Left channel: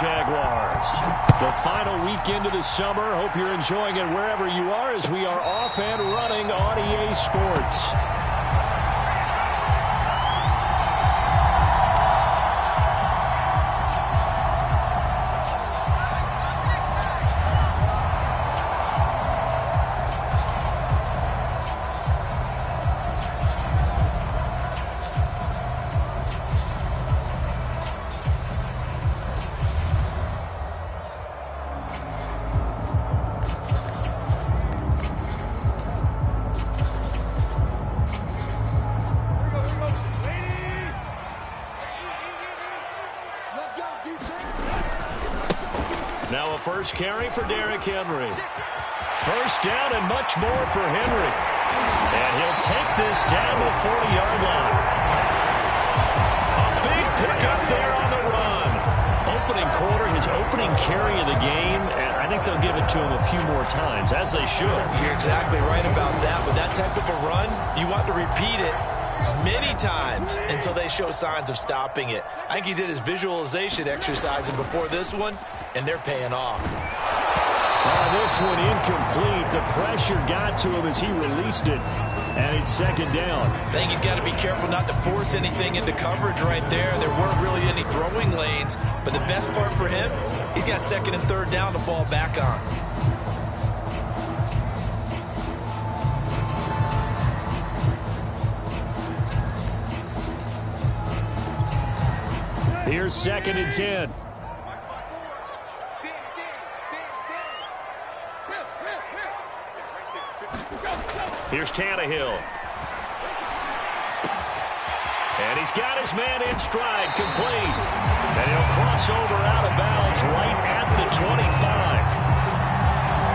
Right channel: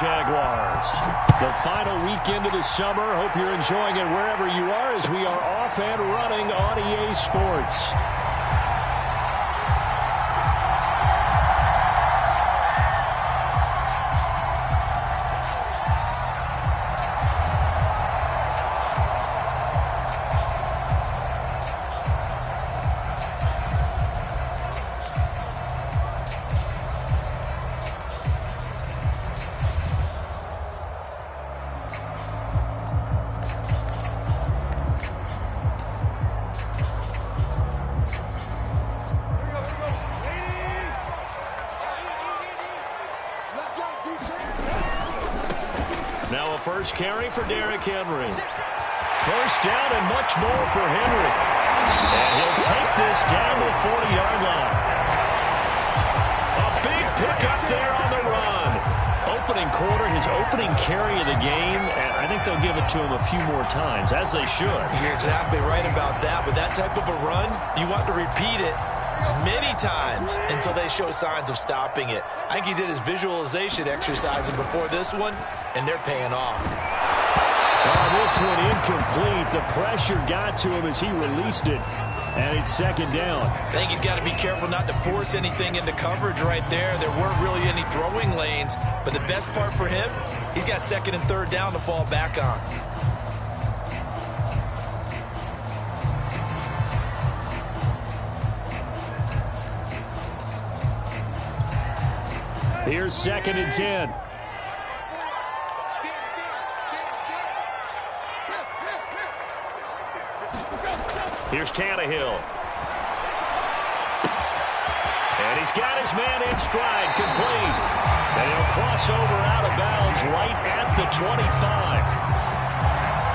Jaguars. The final weekend of the summer. Hope you're enjoying it wherever you are as we are off and running on EA Sports. Now a first carry for Derrick Henry. First down and much more for Henry. And he'll take this down to the 40-yard line. A big pickup there on the run. Opening quarter, his opening carry of the game, and I think they'll give it to him a few more times, as they should. You're exactly right about that. With that type of a run, you want to repeat it many times until they show signs of stopping it. I think he did his visualization exercises before this one, and they're paying off. This one incomplete. The pressure got to him as he released it, and it's second down. I think he's got to be careful not to force anything into coverage right there. There weren't really any throwing lanes, but the best part for him, he's got second and third down to fall back on. Here's second and 10. Here's Tannehill. And he's got his man in stride, complete. And he'll cross over out of bounds right at the 25.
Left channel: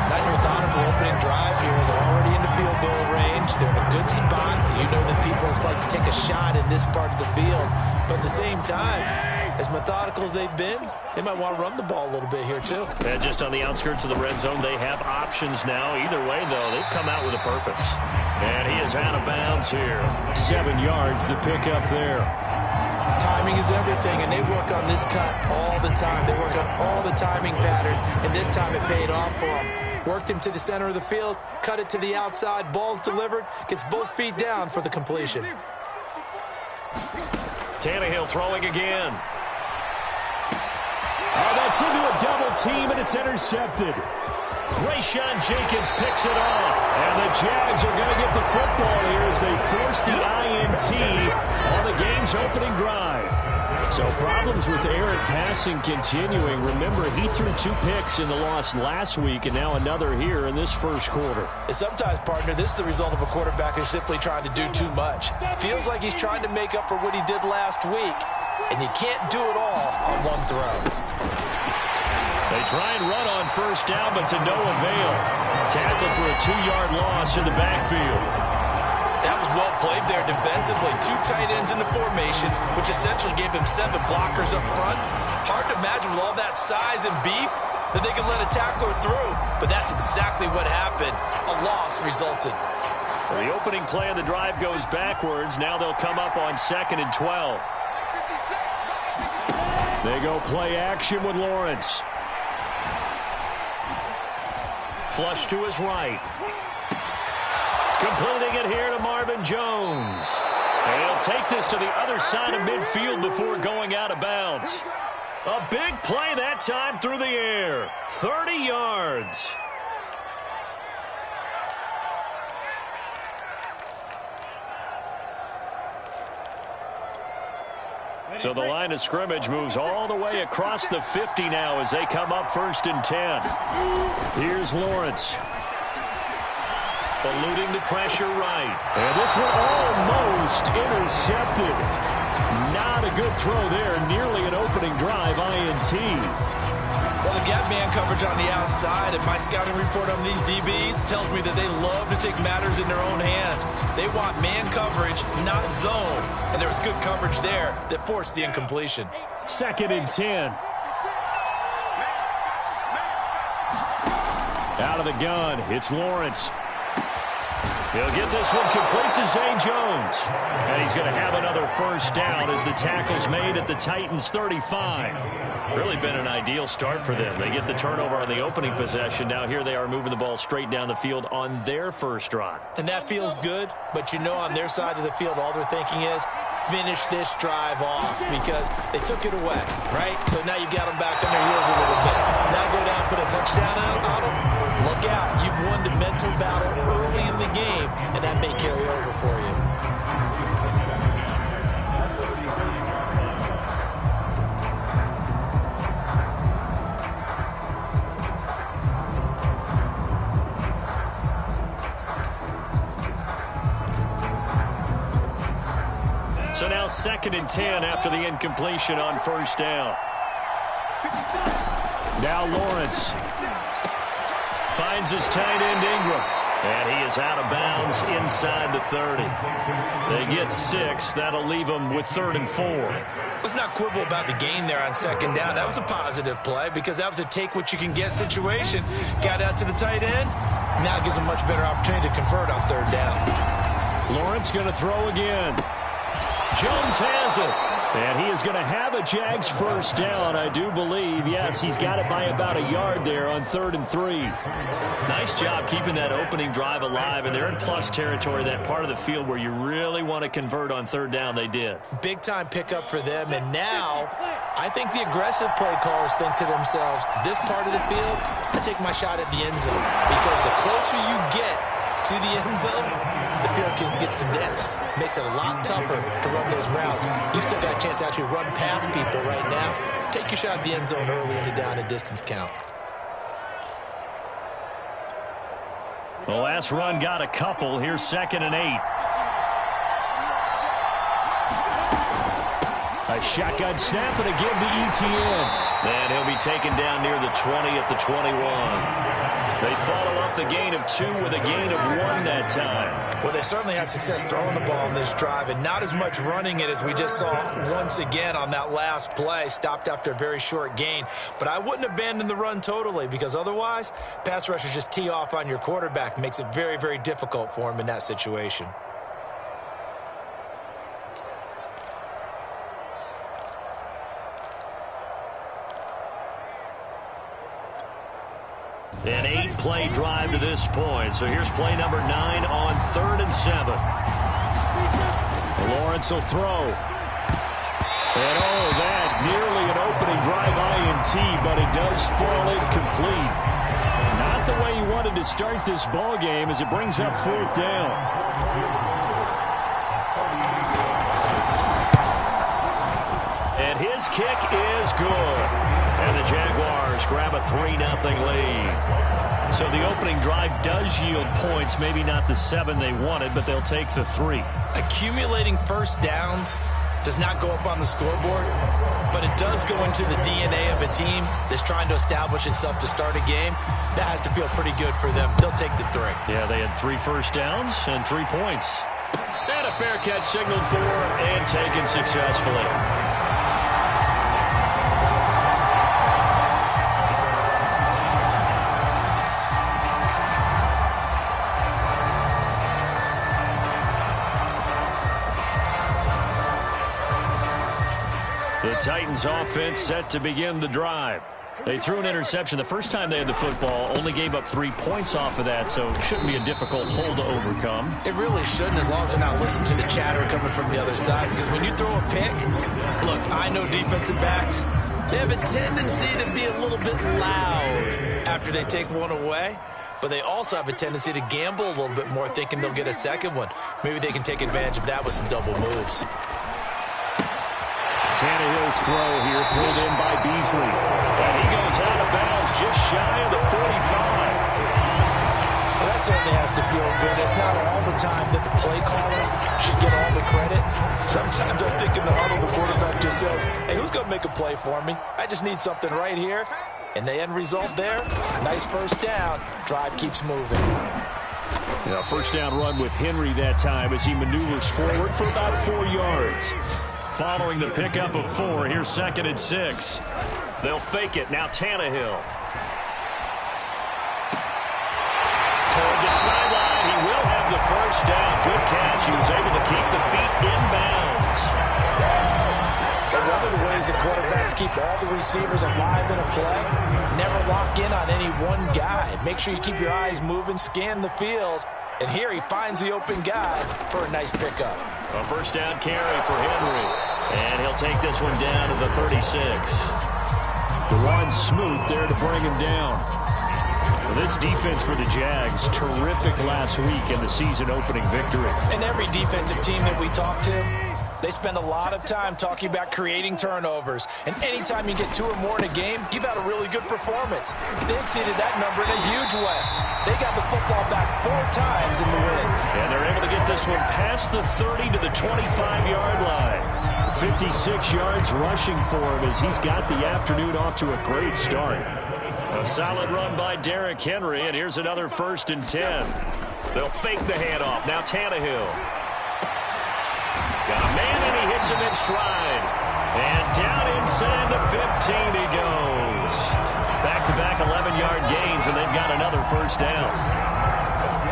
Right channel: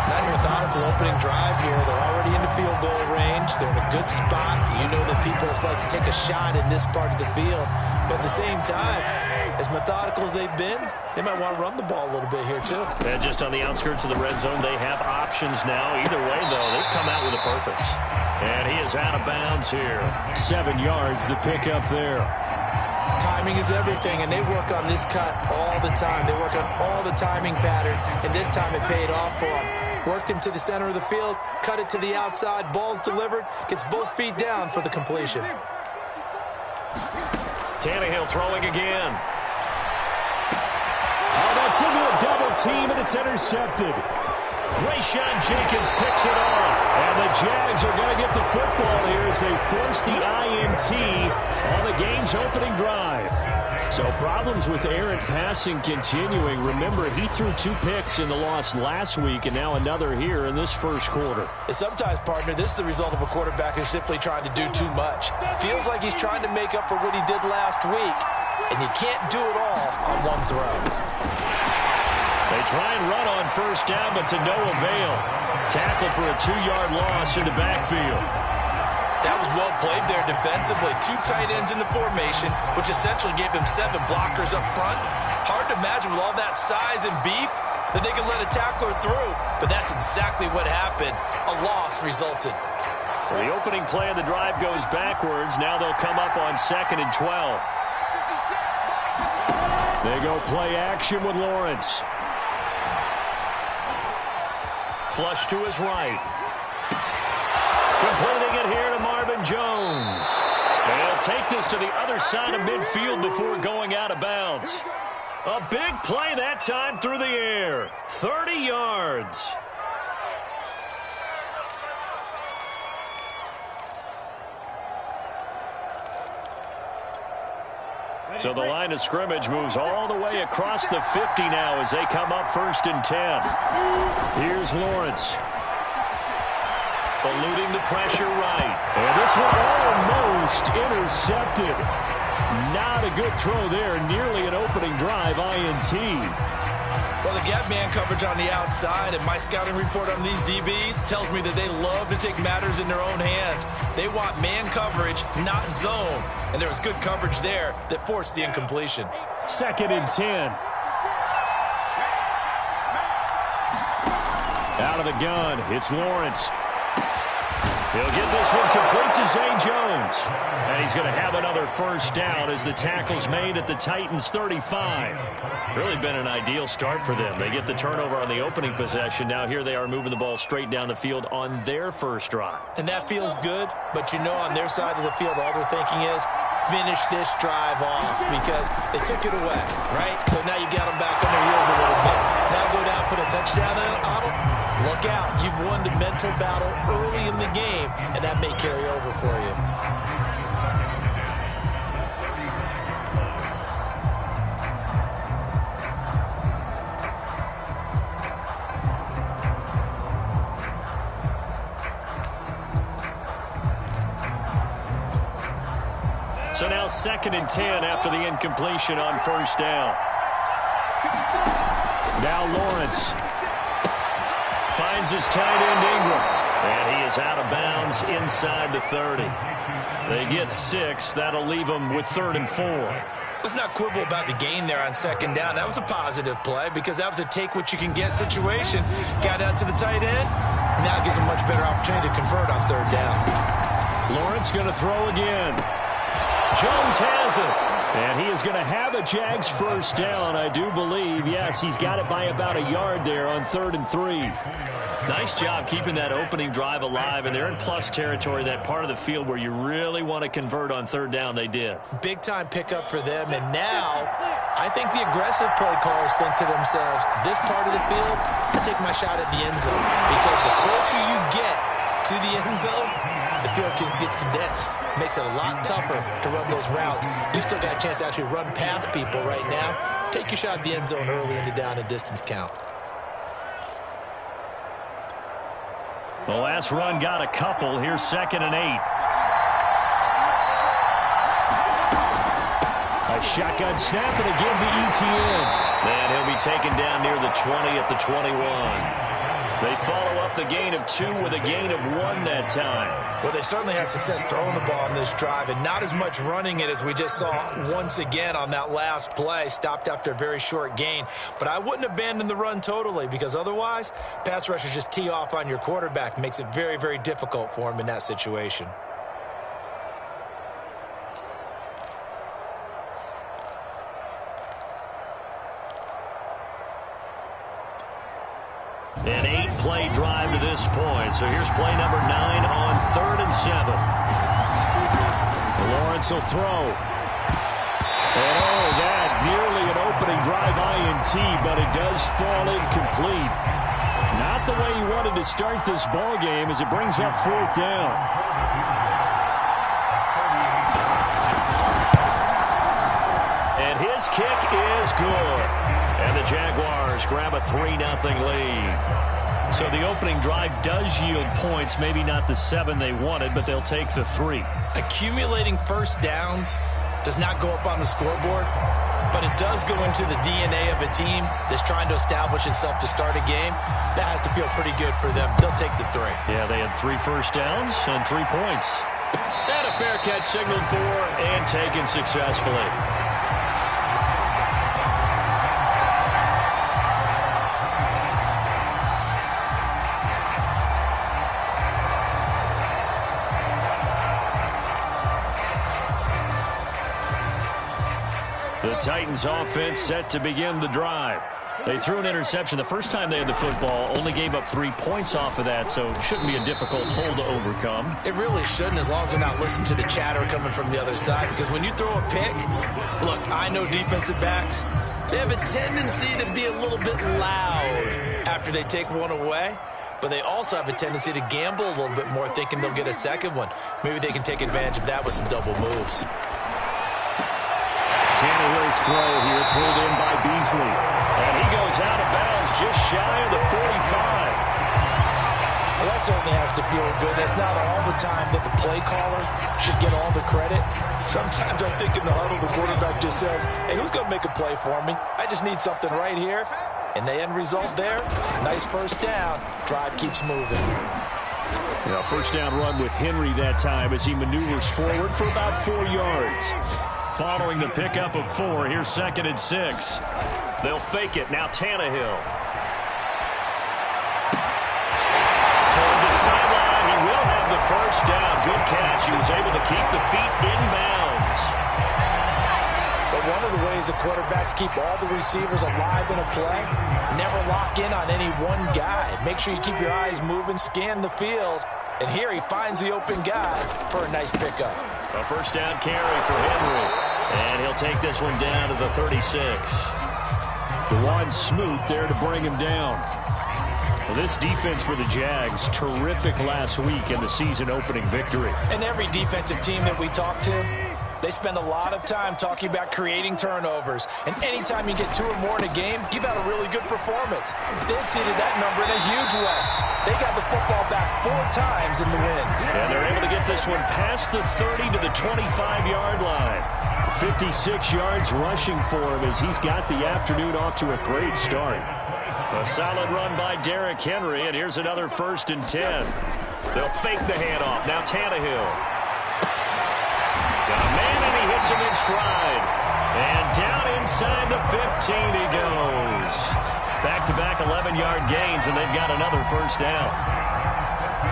Nice methodical opening drive here. They're already into field goal range. They're in a good spot. You know that people just like to take a shot in this part of the field. But at the same time, as methodical as they've been, they might want to run the ball a little bit here too. And just on the outskirts of the red zone, they have options now. Either way, though, they've come out with a purpose. And he is out of bounds here. 7 yards, the pickup there. Timing is everything, and they work on this cut all the time. They work on all the timing patterns, and this time it paid off for them. Worked him to the center of the field, cut it to the outside, ball's delivered, gets both feet down for the completion. Tannehill throwing again. Oh, that's into a double team, and it's intercepted. Rayshawn Jenkins picks it off. And the Jags are going to get the football here as they force the INT on the game's opening drive. So problems with errant passing continuing. Remember, he threw 2 picks in the loss last week, and now another here in this first quarter. And sometimes, partner, this is the result of a quarterback who's simply trying to do too much. Feels like he's trying to make up for what he did last week, and you can't do it all on one throw. They try and run on first down, but to no avail. Tackle for a 2-yard loss in the backfield. That was well played there defensively. 2 tight ends in the formation, which essentially gave him 7 blockers up front. Hard to imagine with all that size and beef that they could let a tackler through, but that's exactly what happened. A loss resulted. So the opening play of the drive goes backwards. Now they'll come up on 2nd and 12. They go play action with Lawrence. Flush to his right. Completing it here to Marvin Jones. And he'll take this to the other side of midfield before going out of bounds. A big play that time through the air. 30 yards. So the line of scrimmage moves all the way across the 50 now as they come up 1st and 10. Here's Lawrence. Eluding the pressure right. And this one almost intercepted. Not a good throw there. Nearly an opening drive INT. Well, they've got man coverage on the outside, and my scouting report on these DBs tells me that they love to take matters in their own hands. They want man coverage, not zone. And there was good coverage there that forced the incompletion. 2nd and 10. Out of the gun, it's Lawrence. He'll get this one complete to Zay Jones. And he's going to have another first down as the tackle's made at the Titans' 35. Really been an ideal start for them. They get the turnover on the opening possession. Now here they are moving the ball straight down the field on their first drive. And that feels good, but you know on their side of the field, all they're thinking is finish this drive off because they took it away, right? So now you got them back on their heels a little bit. Now go down, put a touchdown on them. Look out. You've won the mental battle early in the game, and that may carry over for you. So now 2nd and 10 after the incompletion on first down. Now Lawrence finds his tight end Ingram. And he is out of bounds inside the 30. They get 6. That'll leave them with 3rd and 4. Let's not quibble about the gain there on 2nd down. That was a positive play because that was a take-what-you-can-get situation. Got out to the tight end. Now it gives them a much better opportunity to convert on 3rd down. Lawrence going to throw again. Jones has it. And he is going to have a Jags first down, I do believe. Yes, he's got it by about a yard there on 3rd and 3. Nice job keeping that opening drive alive, and they're in plus territory, that part of the field where you really want to convert on 3rd down. They did. Big-time pickup for them, and now I think the aggressive play callers think to themselves, this part of the field, I take my shot at the end zone, because the closer you get to the end zone, the field gets condensed. Makes it a lot tougher to run those routes. You still got a chance to actually run past people right now. Take your shot at the end zone early in the down and distance count. The last run got a couple. Here's 2nd and 8. A shotgun snap and again to ETN. And he'll be taken down near the 20 at the 21. They follow up the gain of 2 with a gain of 1 that time. Well, they certainly had success throwing the ball on this drive and not as much running it as we just saw once again on that last play. Stopped after a very short gain. But I wouldn't abandon the run totally because otherwise, pass rushers just tee off on your quarterback. Makes it very, very difficult for him in that situation. An 8-play drive to this point. So here's play number 9 on 3rd and 7. Lawrence will throw. And oh, that nearly an opening drive INT, but it does fall incomplete. Not the way he wanted to start this ball game as it brings up 4th down. And his kick is good. And the Jaguars grab a 3-0 lead. So the opening drive does yield points, maybe not the 7 they wanted, but they'll take the 3. Accumulating first downs does not go up on the scoreboard, but it does go into the DNA of a team that's trying to establish itself to start a game. That has to feel pretty good for them. They'll take the 3. Yeah, they had 3 first downs and 3 points. And a fair catch signaled for and taken successfully. The Titans offense set to begin the drive. They threw an interception the first time they had the football, only gave up 3 points off of that, so it shouldn't be a difficult hole to overcome. It really shouldn't, as long as they're not listening to the chatter coming from the other side, because when you throw a pick, look, I know defensive backs, they have a tendency to be a little bit loud after they take one away, but they also have a tendency to gamble a little bit more, thinking they'll get a second one. Maybe they can take advantage of that with some double moves. Tannehill's throw here pulled in by Beasley. And he goes out of bounds just shy of the 45. Well, that certainly has to feel good. It's not all the time that the play caller should get all the credit. Sometimes I think in the huddle the quarterback just says, hey, who's going to make a play for me? I just need something right here. And the end result there, nice first down. Drive keeps moving. Yeah, first down run with Henry that time as he maneuvers forward for about 4 yards. Following the pickup of 4, here's 2nd and 6. They'll fake it. Now Tannehill. Toward the sideline. He will have the first down. Good catch. He was able to keep the feet inbounds. But one of the ways that quarterbacks keep all the receivers alive in a play, never lock in on any one guy. Make sure you keep your eyes moving, scan the field. And here he finds the open guy for a nice pickup. A first down carry for Henry. And he'll take this one down to the 36. DeJuan Smoot there to bring him down. Well, this defense for the Jags, terrific last week in the season-opening victory. And every defensive team that we talk to, they spend a lot of time talking about creating turnovers. And anytime you get 2 or more in a game, you've had a really good performance. They exceeded that number in a huge way. They got the football back 4 times in the win. And they're able to get this one past the 30 to the 25-yard line. 56 yards rushing for him as he's got the afternoon off to a great start. A solid run by Derrick Henry, and here's another 1st and 10. They'll fake the handoff. Now Tannehill. Got a man, and he hits him in stride. And down inside the 15 he goes. Back-to-back 11-yard gains, and they've got another first down.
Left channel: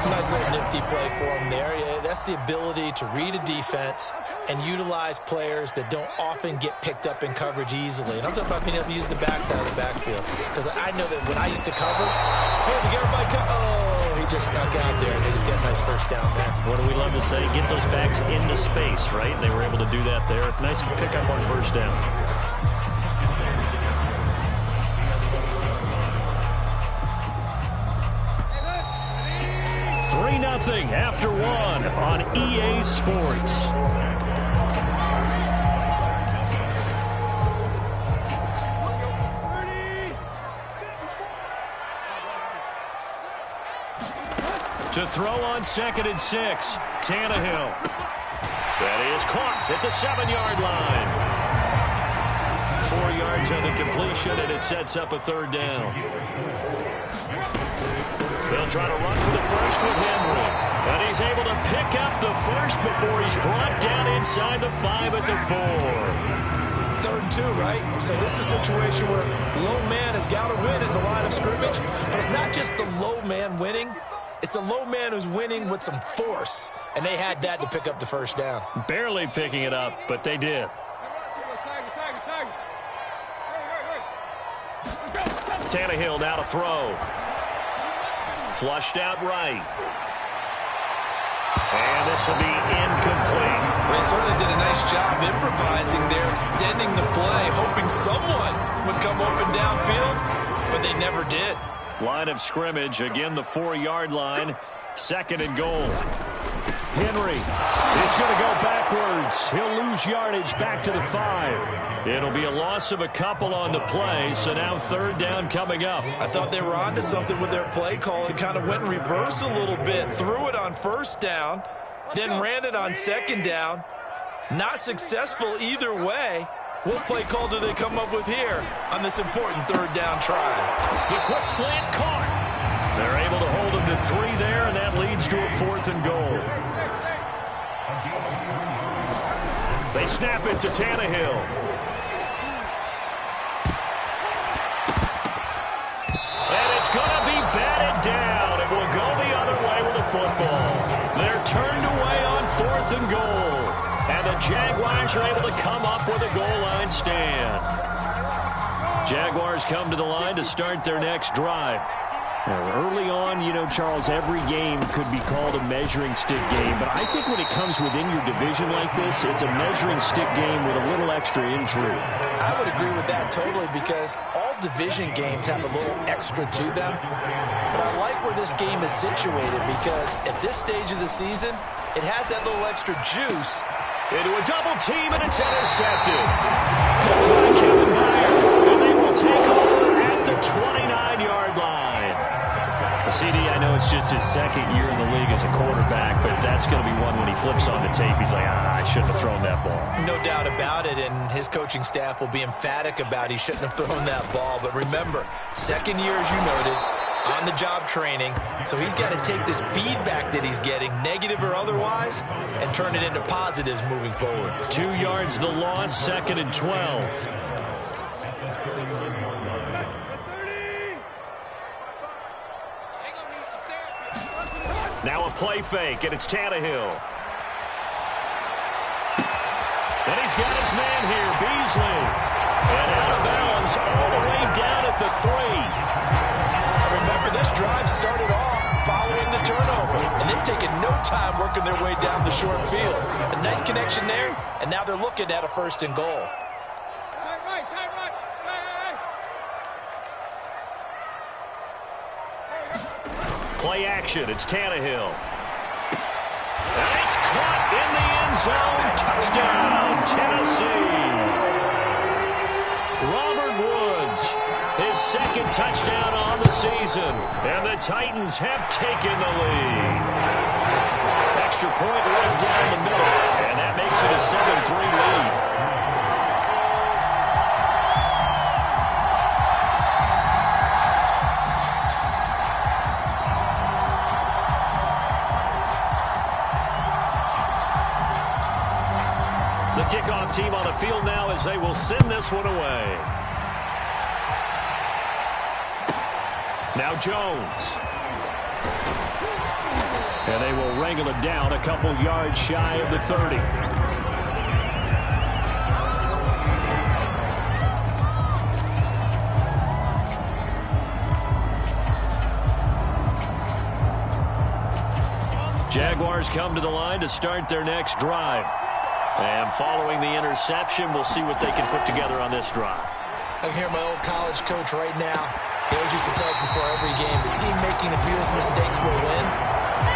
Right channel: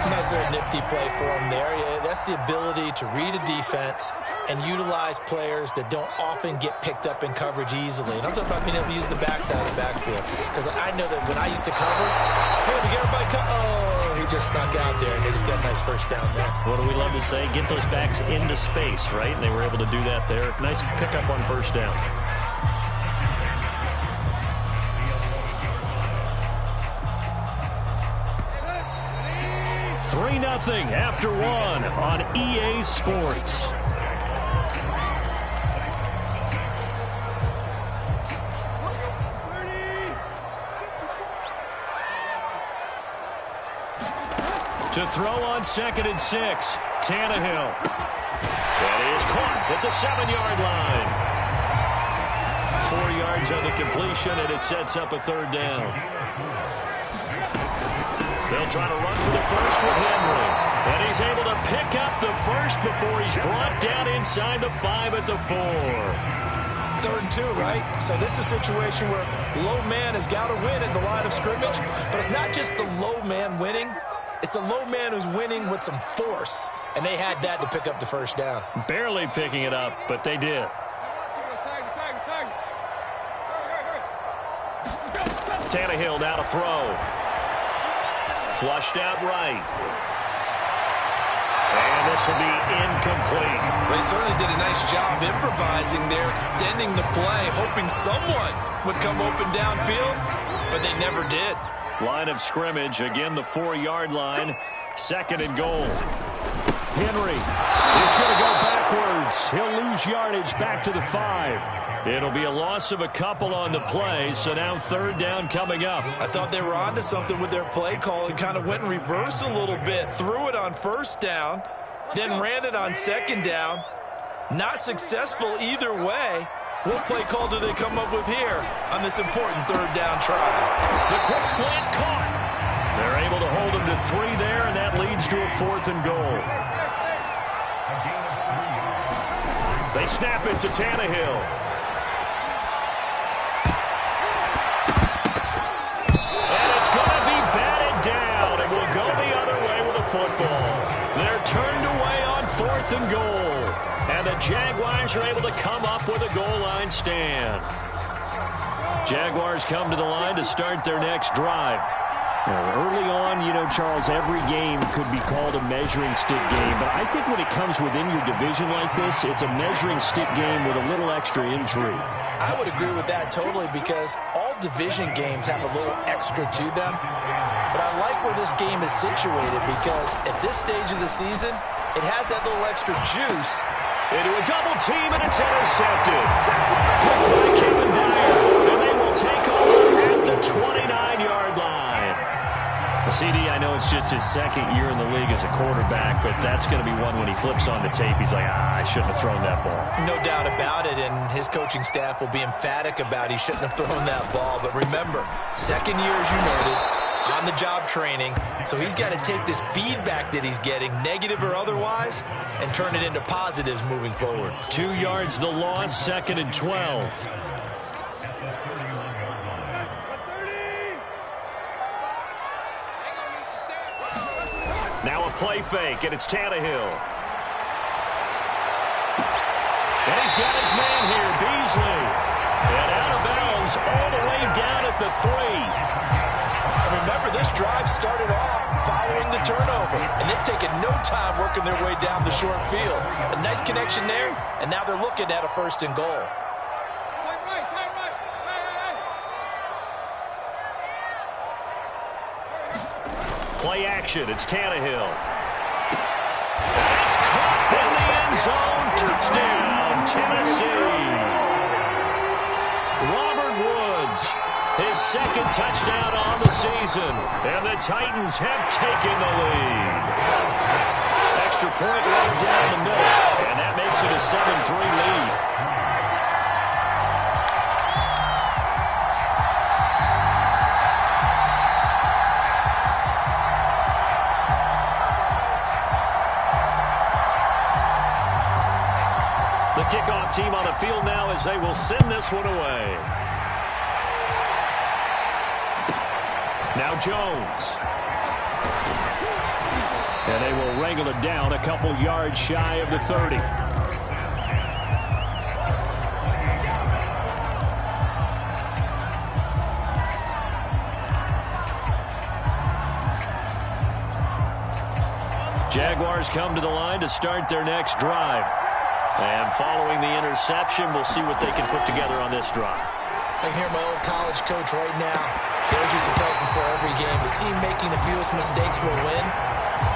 Nice little nifty play for him there. Yeah, that's the ability to read a defense and utilize players that don't often get picked up in coverage easily. And I'm talking about being able to use the backside of the backfield. Because I know that when I used to cover, hey, we get everybody oh, he just snuck out there, and they just got a nice first down there. What do we love to say? Get those backs into space, right? And they were able to do that there. Nice pickup on first down. Three 3-0 after 1 on EA Sports. To throw on 2nd and 6, Tannehill. That is caught at the 7-yard line. 4 yards on the completion, and it sets up a 3rd down. They'll try to run for the first with Henry. And he's able to pick up the first before he's brought down inside the 5 at the 4. 3rd and 2, right? So this is a situation where low man has got to win at the line of scrimmage. But it's not just the low man winning. It's the low man who's winning with some force. And they had that to pick up the first down. Barely picking it up, but they did. Tannehill now to throw. Flushed out right. And this will be incomplete. They certainly did a nice job improvising there, extending the play, hoping someone would come open downfield, but they never did. Line of scrimmage, again the 4-yard line, 2nd and goal. Henry is going to go backwards. He'll lose yardage back to the 5. It'll be a loss of a couple on the play, so now 3rd down coming up. I thought they were onto something with their play call and kind of went in reverse a little bit. Threw it on 1st down, then ran it on 2nd down. Not successful either way. What play call do they come up with here on this important 3rd down try? The quick slant caught. They're able to hold him to 3 there, and that leads to a 4th and goal. They snap it to Tannehill. And it's going to be batted down. It will go the other way with the football. They're turned away on 4th and goal. And the Jaguars are able to come up with a goal line stand. Jaguars come to the line to start their next drive. Now, early on, you know, Charles, every game could be called a measuring stick game. But I think when it comes within your division like this, it's a measuring stick game with a little extra intrigue. I would agree with that totally because all division games have a little extra to them. But I like where this game is situated because at this stage of the season, it has that little extra juice. Into a double team, and it's intercepted. Picked by Kevin Dyer, and they will take over at the 29-yard line. CD, I know it's just his 2nd year in the league as a quarterback, but that's going to be one when he flips on the tape. He's like, I shouldn't have thrown that ball. No doubt about it, and his coaching staff will be emphatic about he shouldn't have thrown that ball. But remember, 2nd year, as you noted, on-the-job training, so he's got to take this feedback that he's getting, negative or otherwise, and turn it into positives moving forward. 2 yards the loss, 2nd and 12. Now a play fake, and it's Tannehill. And he's got his man here, Beasley. And out of bounds all the way down at the 3. And remember, this drive started off following the turnover, and they've taken no time working their way down the short field. A nice connection there, and now they're looking at a 1st and goal. Play action, it's Tannehill. And it's caught in the end zone. Touchdown, Tennessee. Robert Woods, his 2nd touchdown on the season. And the Titans have taken the lead. Extra point right down the middle. And that makes it a 7-3 lead. The kickoff team on the field now as they will send this one away. Now Jones. And they will wrangle it down a couple yards shy of the 30. Jaguars come to the line to start their next drive. And following the interception, we'll see what they can put together on this drive. I can hear my old college coach right now. He always used to tell us before every game, the team making the fewest mistakes will win.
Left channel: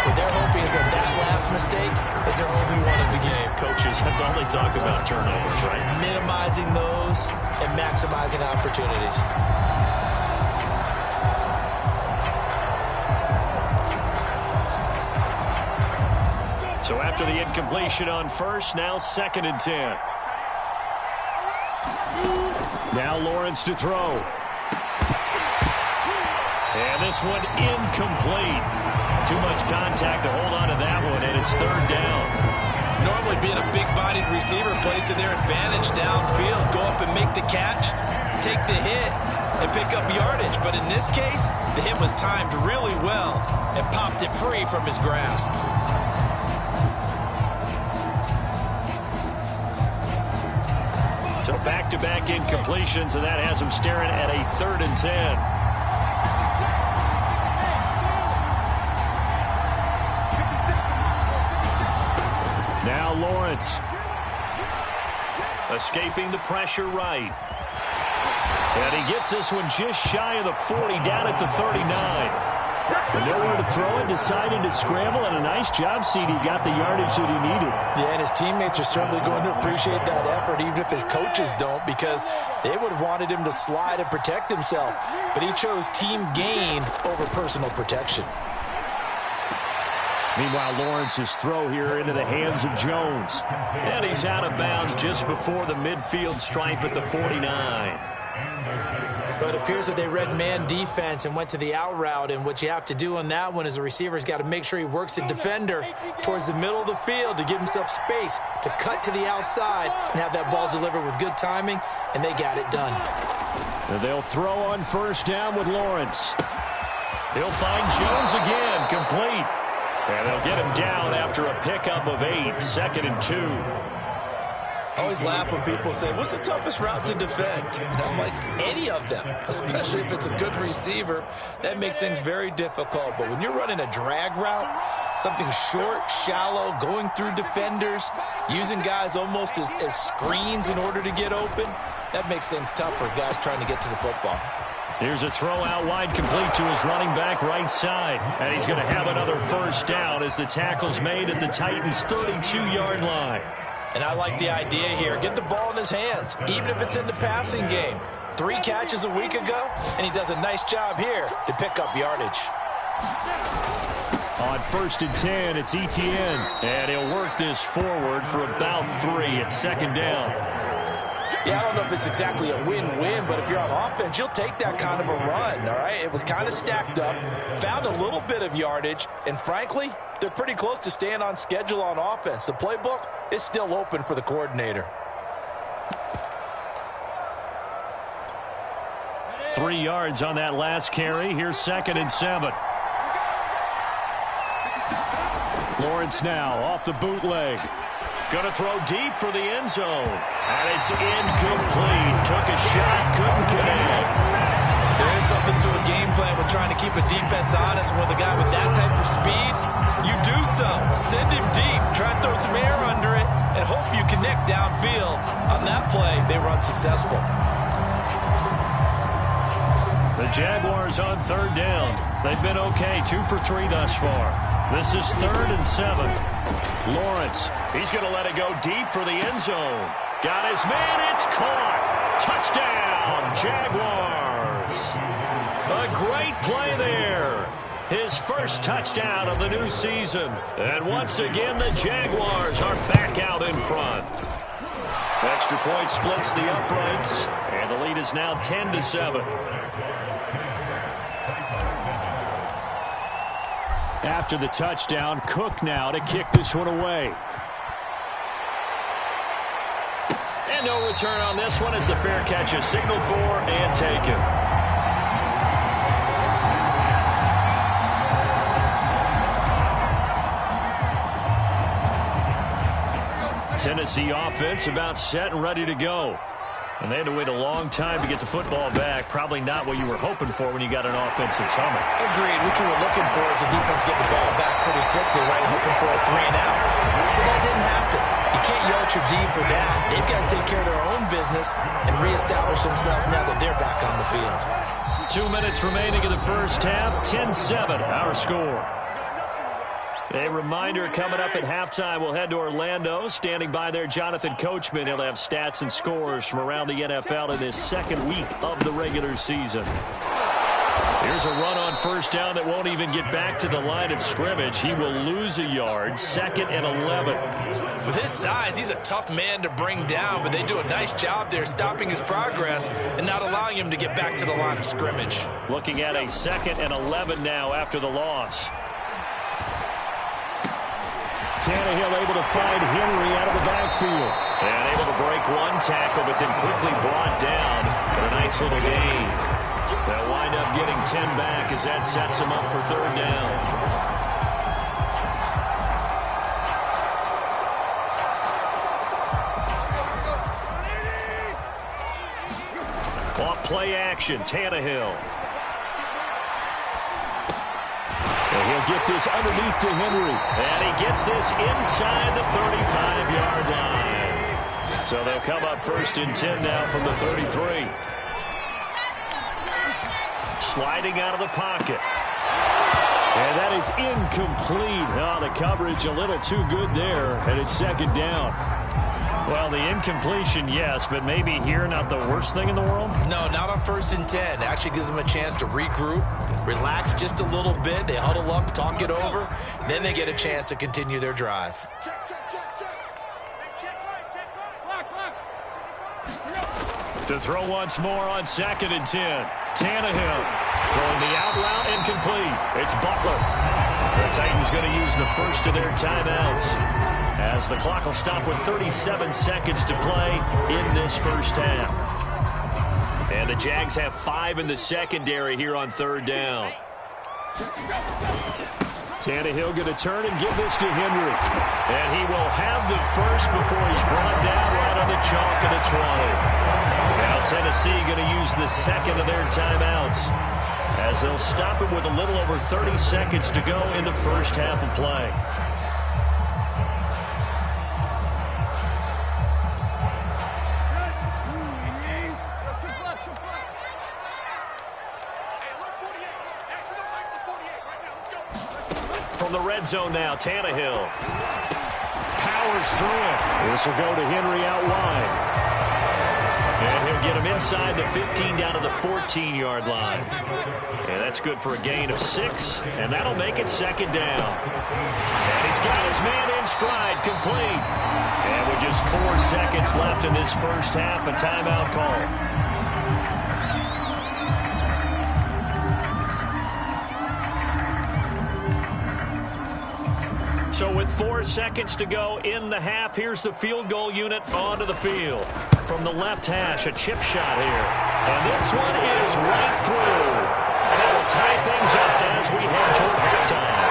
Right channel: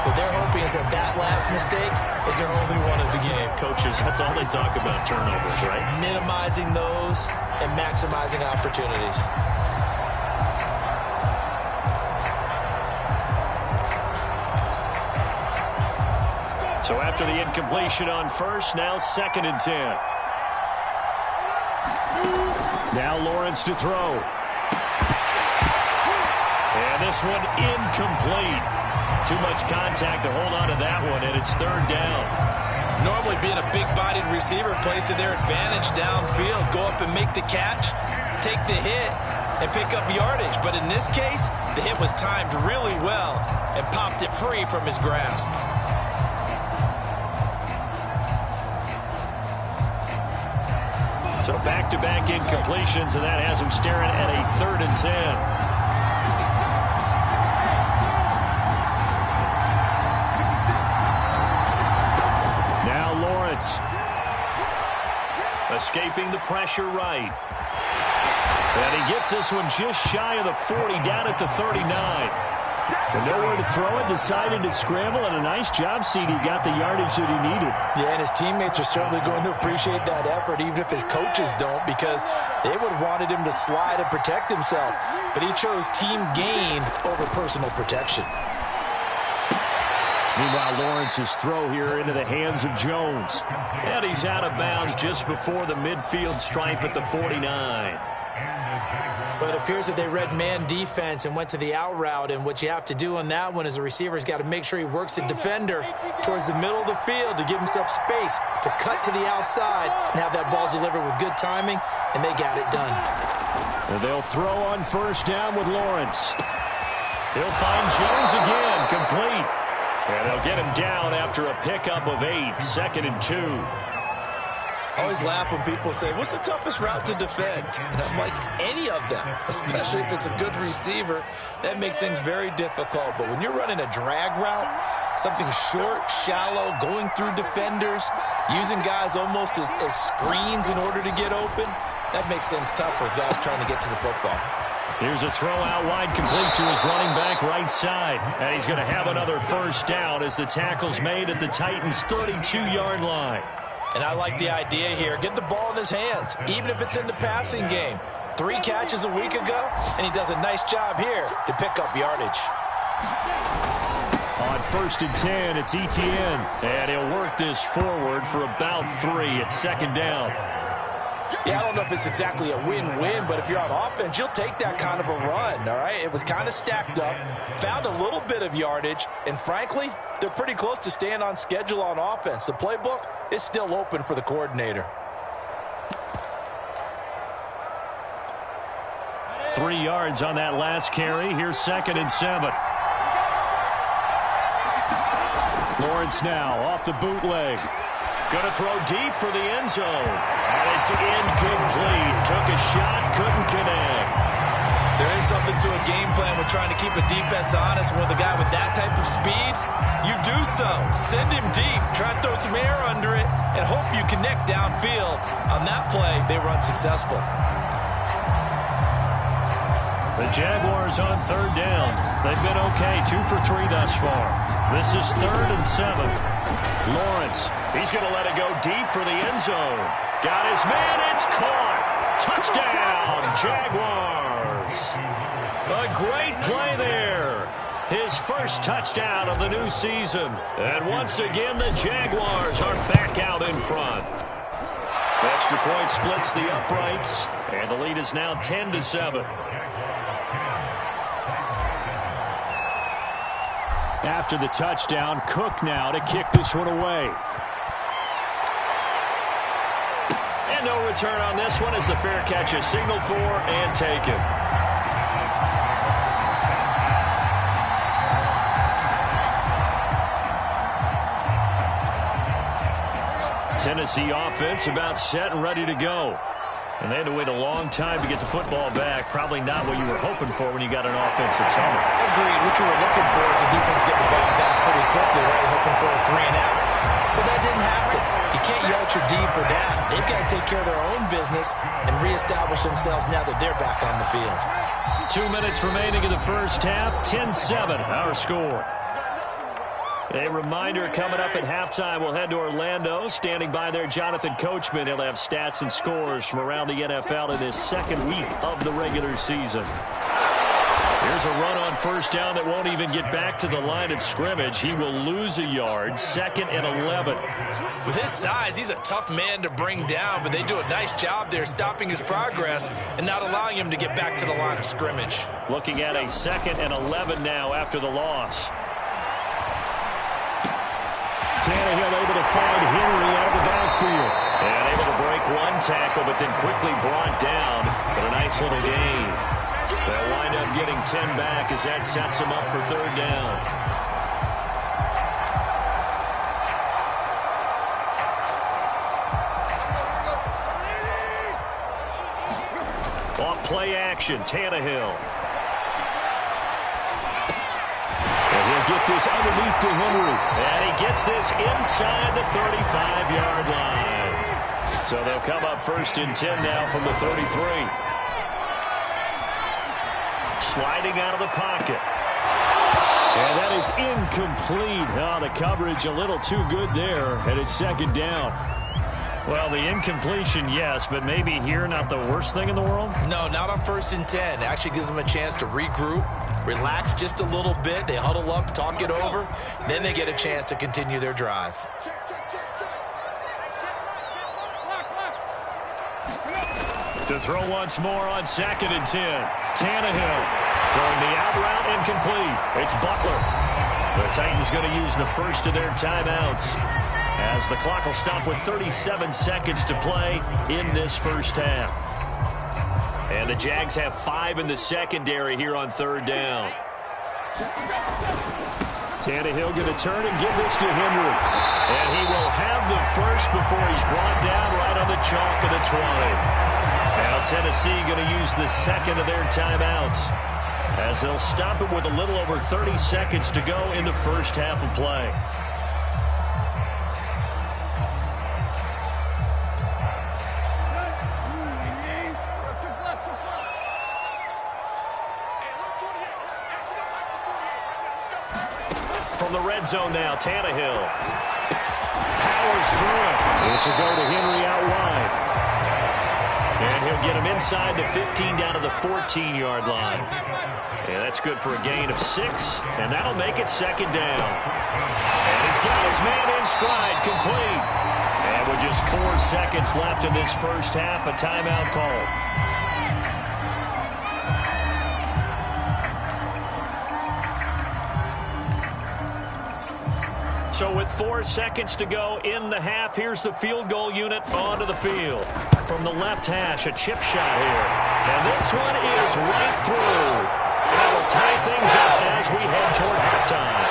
What they're hoping is that that last mistake is their only one of the game. Coaches, that's all they talk about, turnovers, right? Minimizing those and maximizing opportunities. So after the incompletion on 1st, now 2nd and 10. Now Lawrence to throw. And this one incomplete. Too much contact to hold on to that one, and it's 3rd down. Normally being a big-bodied receiver plays to their advantage downfield. Go up and make the catch, take the hit, and pick up yardage. But in this case, the hit was timed really well and popped it free from his grasp. So back-to-back incompletions, and that has them staring at a 3rd and 10. Now Lawrence. Escaping the pressure right. And he gets this one just shy of the 40, down at the 39. But nowhere to throw it, decided to scramble, and a nice job, CD. Got the yardage that he needed. Yeah, and his teammates are certainly going to appreciate that effort, even if his coaches don't, because they would have wanted him to slide and protect himself. But he chose team gain over personal protection. Meanwhile, Lawrence's throw here into the hands of Jones. And he's out of bounds just before the midfield stripe at the 49. But it appears that they read man defense and went to the out route, and what you have to do on that one is the receiver's got to make sure he works the defender towards the middle of the field to give himself space to cut to the outside and have that ball delivered with good timing, and they got it done. And they'll throw on 1st down with Lawrence. He'll find Jones again, complete. And they'll get him down after a pickup of 8, 2nd and 2. I always laugh when people say, what's the toughest route to defend? And I'm like, any of them, especially if it's a good receiver. That makes things very difficult. But when you're running a drag route, something short, shallow, going through defenders, using guys almost as screens in order to get open, that makes things tough for guys trying to get to the football. Here's a throw out wide, complete to his running back right side. And he's going to have another 1st down as the tackle's made at the Titans' 32-yard line. And I like the idea here. Get the ball in his hands, even if it's in the passing game. 3 catches a week ago, and he does a nice job here to pick up yardage. On 1st and 10, it's Etienne. And he'll work this forward for about 3 at 2nd down. Yeah, I don't know if it's exactly a win-win, but if you're on offense, you'll take that kind of a run, all right? It was kind of stacked up, found a little bit of yardage, and frankly, they're pretty close to staying on schedule on offense. The playbook is still open for the coordinator. 3 yards on that last carry. Here's 2nd and 7. Lawrence now off the bootleg. Going to throw deep for the end zone. And it's incomplete. Took a shot, couldn't connect. There is something to a game plan with trying to keep a defense honest. With a guy with that type of speed, you do so. Send him deep. Try and throw some air under it and hope you connect downfield. On that play, they were unsuccessful. The Jaguars on third down. They've been okay, 2 for 3 thus far. This is 3rd and 7. Lawrence, he's going to let it go deep for the end zone. Got his man, it's caught. Touchdown, Jaguars. A great play there. His first touchdown of the new season. And once again, the Jaguars are back out in front. Extra point splits the uprights, and the lead is now 10-7. After the touchdown, Cook now to kick this one away. And no return on this one as the fair catch is signaled for and taken. Tennessee offense about set and ready to go. And they had to wait a long time to get the football back. Probably not what you were hoping for when you got an offense that's humming. Agreed. What you were looking for is the defense get the ball back pretty quickly, right? Hoping for a 3 and out. So that didn't happen. You can't yell at your D for that. They've got to take care of their own business and reestablish themselves now that they're back on the field. 2 minutes remaining in the first half. 10-7, our score. A reminder coming up at halftime, we'll head to Orlando. Standing by there, Jonathan Coachman. He'll have stats and scores from around the NFL in this second week of the regular season. Here's a run on first down that won't even get back to the line of scrimmage. He will lose a yard. 2nd and 11. With his size, he's a tough man to bring down, but they do a nice job there stopping his progress and not allowing him to get back to the line of scrimmage. Looking at a 2nd and 11 now after the loss. Tannehill able to find Henry out of the backfield. And able to break one tackle, but then quickly brought down. But a nice little gain. They'll wind up getting 10 back as that sets them up for 3rd down. Off play action, Tannehill. And he'll get this underneath to Henry. And he gets this inside the 35-yard line. So they'll come up 1st and 10 now from the 33. Sliding out of the pocket. And that is incomplete. Oh, the coverage a little too good there. And it's 2nd down. Well, the incompletion, yes, but maybe here not the worst thing in the world? No, not on 1st and 10. It actually gives them a chance to regroup, relax just a little bit. They huddle up, talk it over. Then they get a chance to continue their drive. To throw once more on 2nd and 10. Tannehill throwing the out route incomplete. It's Butler. The Titans going to use the first of their timeouts, as the clock will stop with 37 seconds to play in this first half. And the Jags have 5 in the secondary here on 3rd down. Tannehill going to turn and give this to Henry. And he will have the first before he's brought down right on the chalk of the 20. Now Tennessee going to use the 2nd of their timeouts, as they'll stop it with a little over 30 seconds to go in the first half of play. From the red zone now, Tannehill powers through it. This will go to Henry out wide. And he'll get him inside the 15 down to the 14-yard line. And that's good for a gain of 6, and that'll make it 2nd down. And he's got his man in stride, complete. And with just 4 seconds left in this first half, a timeout call. So with 4 seconds to go in the half, here's the field goal unit onto the field. From the left hash, a chip shot here. And this one is right through. And that will tie things up as we head toward halftime.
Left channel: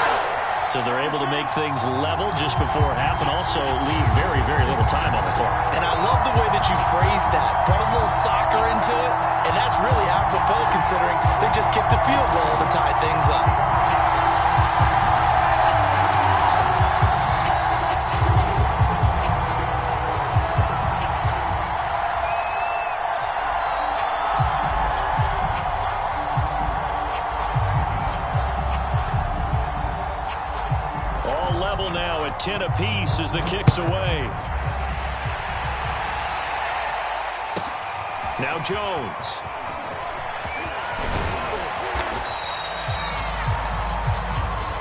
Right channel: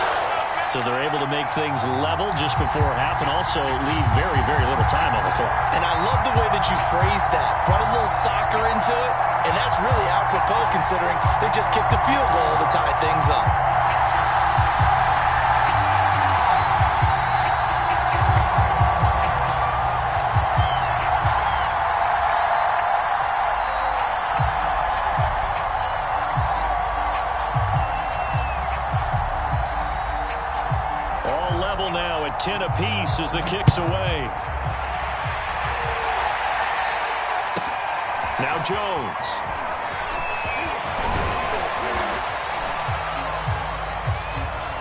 So they're able to make things level just before half and also leave very, very little time on the clock. And I love the way that you phrased that. Brought a little soccer into it, and that's really apropos considering they just kicked a field goal to tie things up. All level now at 10 apiece as the kick's away. Now Jones.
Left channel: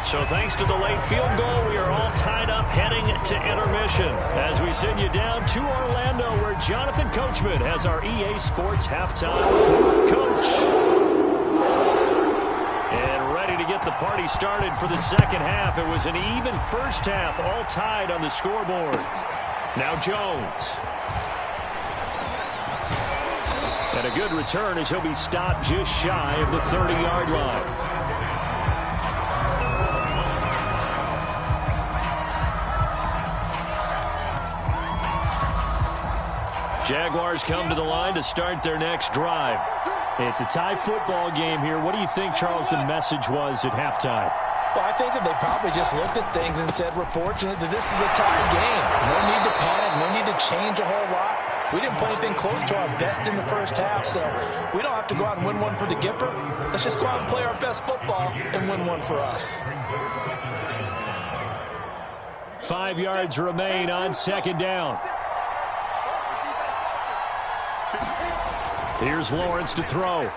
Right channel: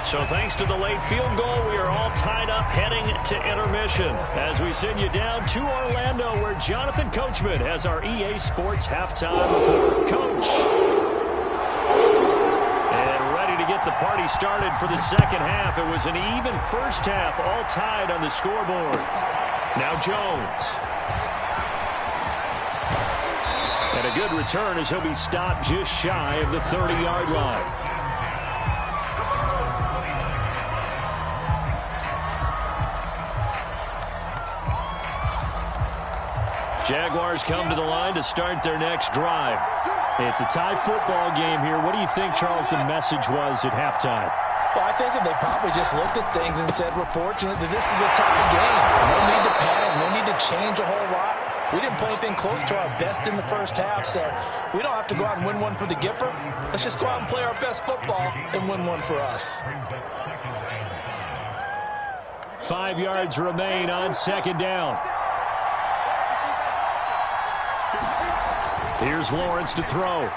So thanks to the late field goal, we are all tied up heading to intermission as we send you down to Orlando where Jonathan Coachman has our EA Sports halftime report. Coach. And ready to get the party started for the second half. It was an even first half, all tied on the scoreboard. Now Jones. And a good return as he'll be stopped just shy of the 30-yard line. Jaguars come to the line to start their next drive. It's a tie football game here. What do you think, Charles, the message was at halftime? Well, I think that they probably just looked at things and said, we're fortunate that this is a tie game. No need to panic, no need to change a whole lot. We didn't play anything close to our best in the first half, so we don't have to go out and win one for the Gipper. Let's just go out and play our best football and win one for us. 5 yards remain on second down. Here's Lawrence to throw.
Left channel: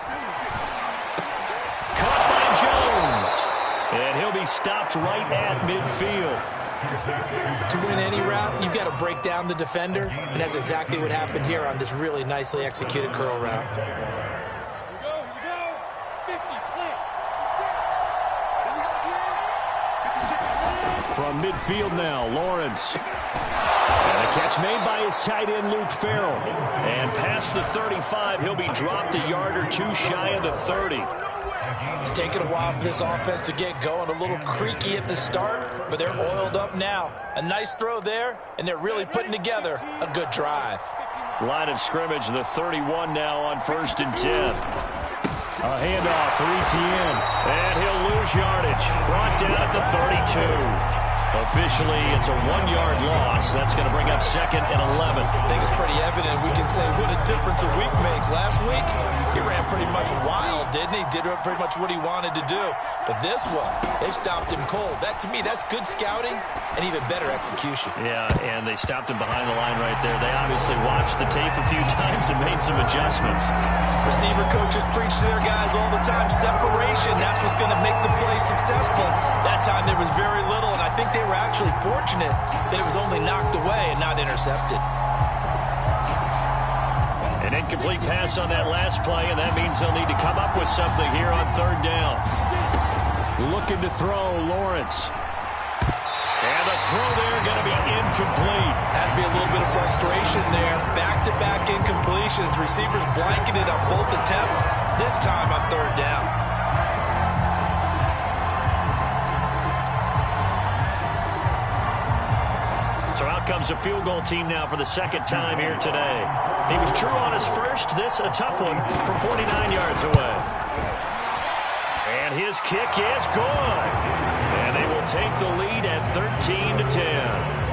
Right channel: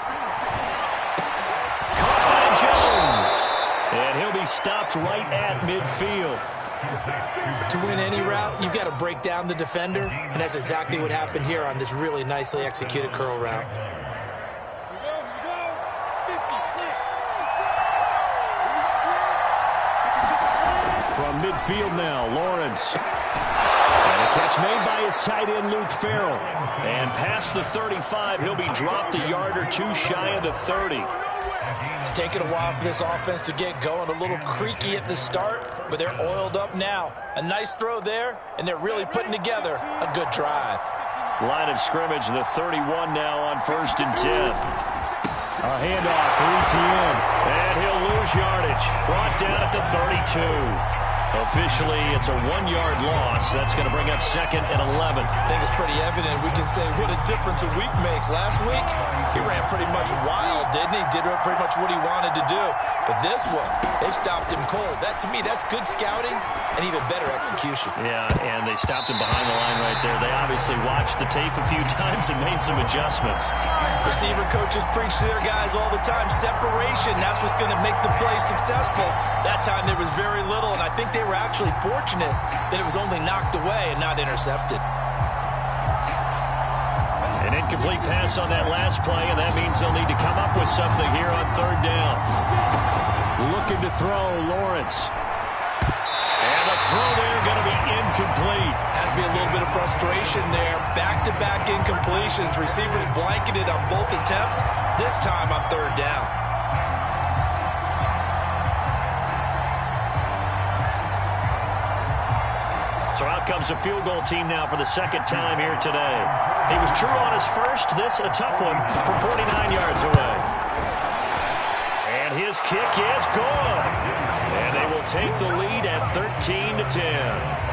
Caught by Jones. And he'll be stopped right at midfield. To win any route, you've got to break down the defender, and that's exactly what happened here on this really nicely executed curl route. From midfield now, Lawrence. And a catch made by his tight end, Luke Farrell. And past the 35, he'll be dropped a yard or two shy of the 30. It's taken a while for this offense to get going. A little creaky at the start, but they're oiled up now. A nice throw there, and they're really putting together a good drive. Line of scrimmage, the 31 now on 1st and 10. A handoff for Etienne, and he'll lose yardage. Brought down at the 32. Officially, it's a 1-yard loss. That's going to bring up 2nd and 11. I think it's pretty evident. We can say what a difference a week makes. Last week, he ran pretty much wild, didn't he? Did pretty much what he wanted to do. But this one, they stopped him cold. That, to me, that's good scouting and even better execution. Yeah, and they stopped him behind the line right there. They obviously watched the tape a few times and made some adjustments. Receiver coaches preach to their guys all the time. Separation, that's what's going to make the play successful. That time there was very little, and I think they were actually fortunate that it was only knocked away and not intercepted. An incomplete pass on that last play, and that means they'll need to come up with something here on 3rd down. Looking to throw, Lawrence. And the throw there going to be incomplete. Has to be a little bit of frustration there. Back-to-back incompletions. Receivers blanketed on both attempts, this time on 3rd down. So out comes a field goal team now for the 2nd time here today. He was true on his first. This a tough one from 49 yards away. And his kick is good. And they will take the lead at 13-10.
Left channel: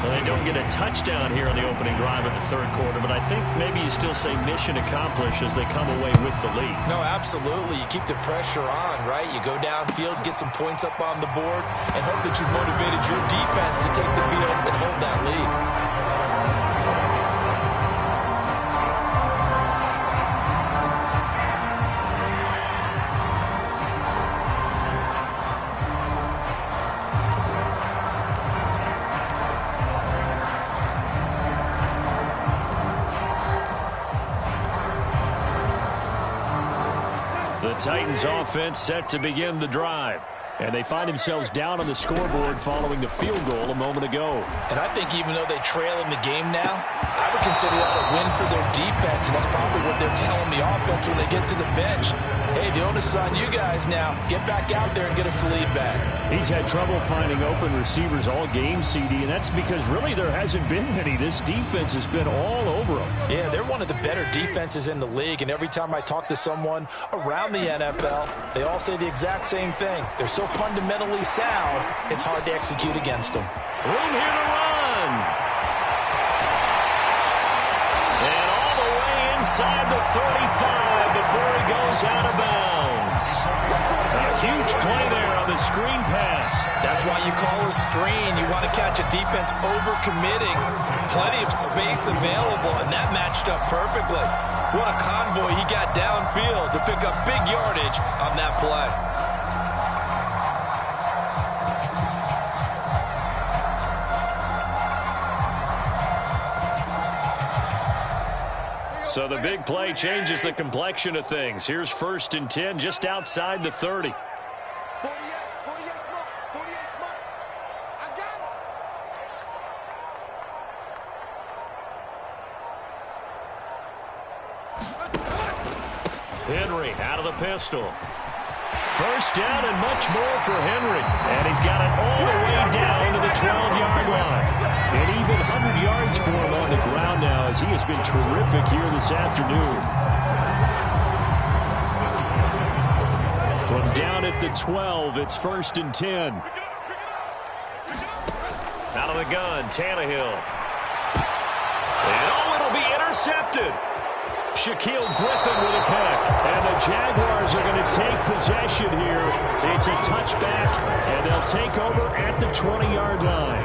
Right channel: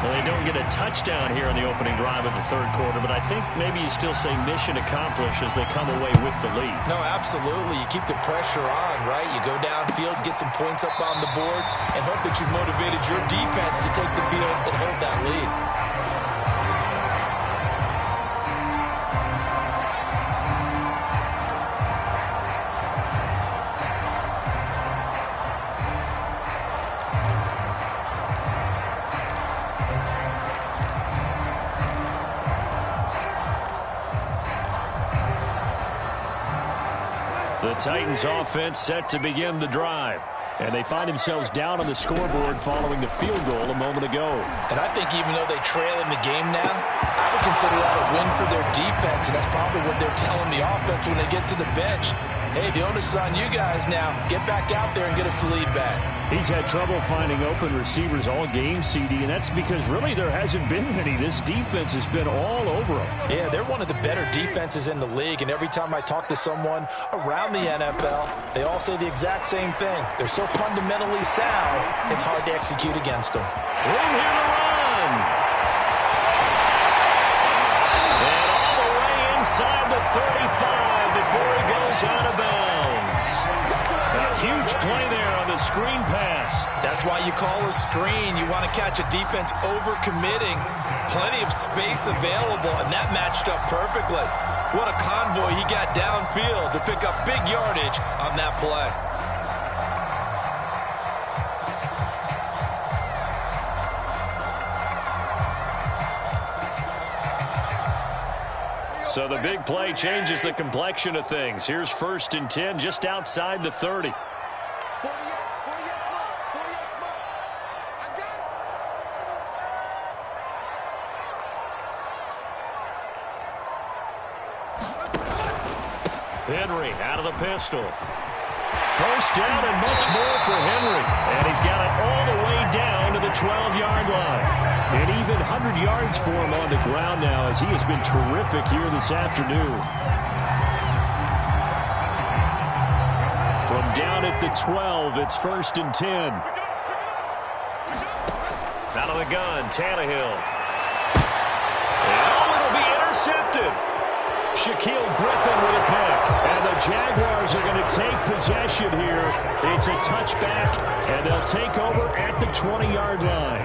Well, they don't get a touchdown here on the opening drive of the 3rd quarter, but I think maybe you still say mission accomplished as they come away with the lead. No, absolutely. You keep the pressure on, right? You go downfield, get some points up on the board, and hope that you've motivated your defense to take the field and hold that lead. The Titans offense set to begin the drive. And they find themselves down on the scoreboard following the field goal a moment ago. And I think even though they trail in the game now, I would consider that a win for their defense, and that's probably what they're telling the offense when they get to the bench. Hey, the onus is on you guys now. Get back out there and get us the lead back. He's had trouble finding open receivers all game, CD, and that's because really there hasn't been any. This defense has been all over them. Yeah, they're one of the better defenses in the league, and every time I talk to someone around the NFL, they all say the exact same thing. They're so fundamentally sound, it's hard to execute against them. Room here to run. And all the way inside the 35 before he goes out of bounds. A huge play there on the screen pass. That's why you call a screen. You want to catch a defense overcommitting. Plenty of space available, and that matched up perfectly. What a convoy he got downfield to pick up big yardage on that play. So the big play changes the complexion of things. Here's 1st and 10 just outside the 30. 48 smart. I got it. Henry out of the pistol. 1st down and much more for Henry. And he's got it all the way down to the 12-yard line. And even 100 yards for him on the ground now as he has been terrific here this afternoon. From down at the 12, it's 1st and 10. Out of the gun, Tannehill. And it'll be intercepted. Shaquille Griffin with a pick. And the Jaguars are going to take possession here. It's a touchback, and they'll take over at the 20-yard line.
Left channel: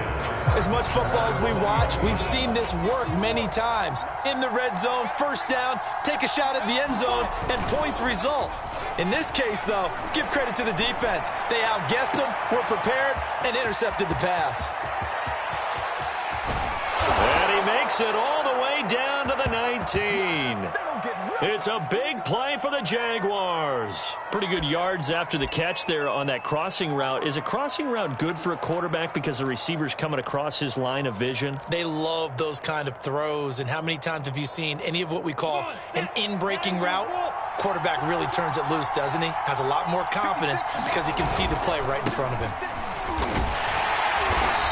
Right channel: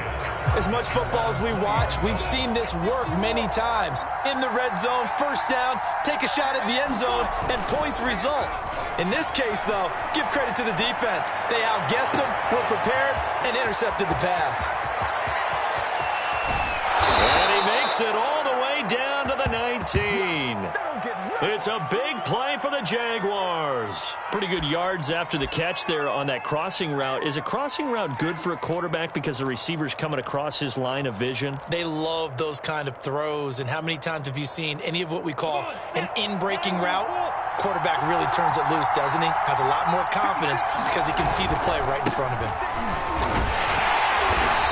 As much football as we watch, we've seen this work many times. In the red zone, 1st down, take a shot at the end zone, and points result. In this case, though, give credit to the defense. They outguessed them, were prepared, and intercepted the pass. And he makes it all the way down to the 19. It's a big play for the Jaguars. Pretty good yards after the catch there on that crossing route. Is a crossing route good for a quarterback because the receiver's coming across his line of vision? They love those kind of throws. And how many times have you seen any of what we call an in-breaking route? Quarterback really turns it loose, doesn't he? Has a lot more confidence because he can see the play right in front of him.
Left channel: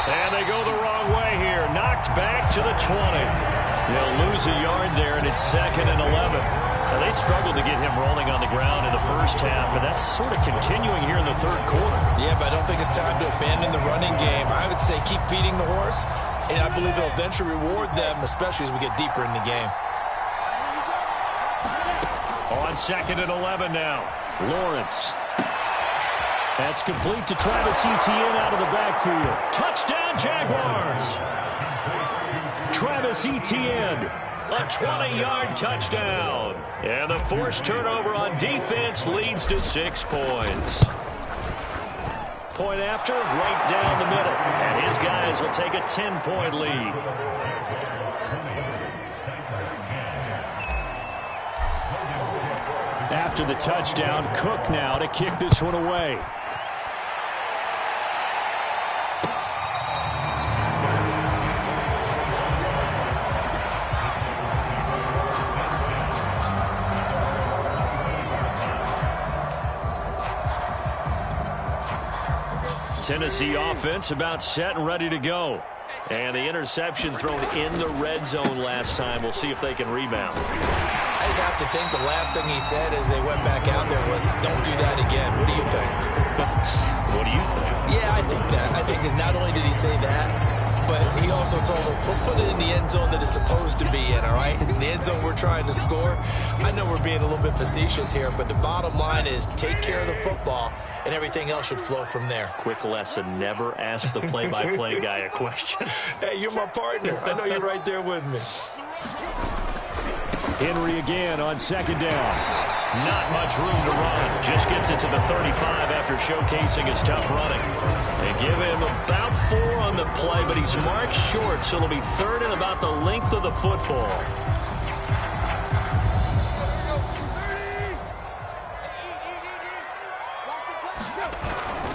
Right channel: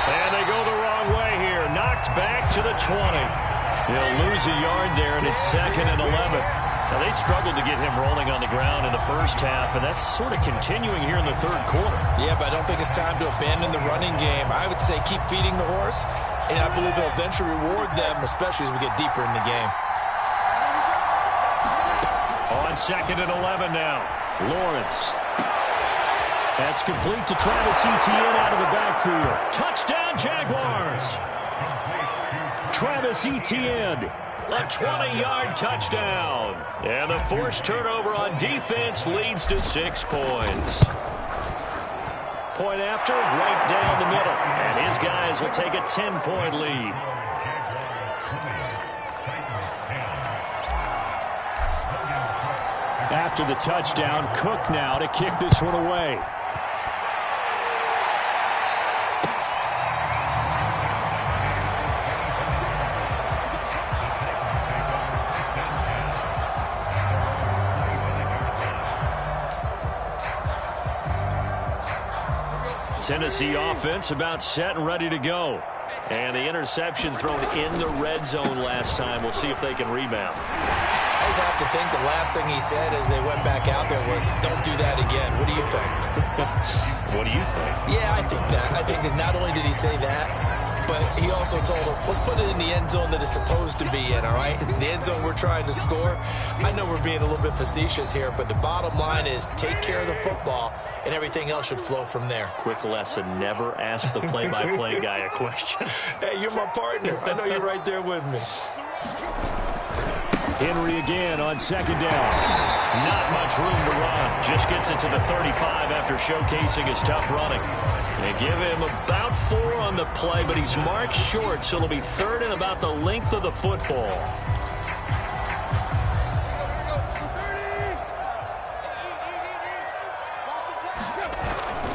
And they go the wrong way here. Knocked back to the 20. He'll lose a yard there, and it's 2nd and 11. Now, they struggled to get him rolling on the ground in the first half, and that's sort of continuing here in the 3rd quarter. Yeah, but I don't think it's time to abandon the running game. I would say keep feeding the horse, and I believe they'll eventually reward them, especially as we get deeper in the game. On 2nd and 11 now. Lawrence. That's complete to Travis Etienne out of the backfield. Touchdown, Jaguars! Travis Etienne, a 20-yard touchdown. And the forced turnover on defense leads to 6 points. Point after, right down the middle. And his guys will take a 10-point lead. After the touchdown, Cook now to kick this one away. Tennessee offense about set and ready to go. And the interception thrown in the red zone last time. We'll see if they can rebound. I just have to think the last thing he said as they went back out there was, don't do that again. What do you think? What do you think? Yeah, I think that. I think that not only did he say that, but he also told him, let's put it in the end zone that it's supposed to be in, all right? The end zone we're trying to score. I know we're being a little bit facetious here, but the bottom line is take care of the football, and everything else should flow from there. Quick lesson, never ask the play-by-play guy a question. Hey, you're my partner. I know you're right there with me. Henry again on 2nd down. Not much room to run. Just gets it to the 35 after showcasing his tough running. They give him about 4 on the play, but he's marked short, so it'll be 3rd and about the length of the football.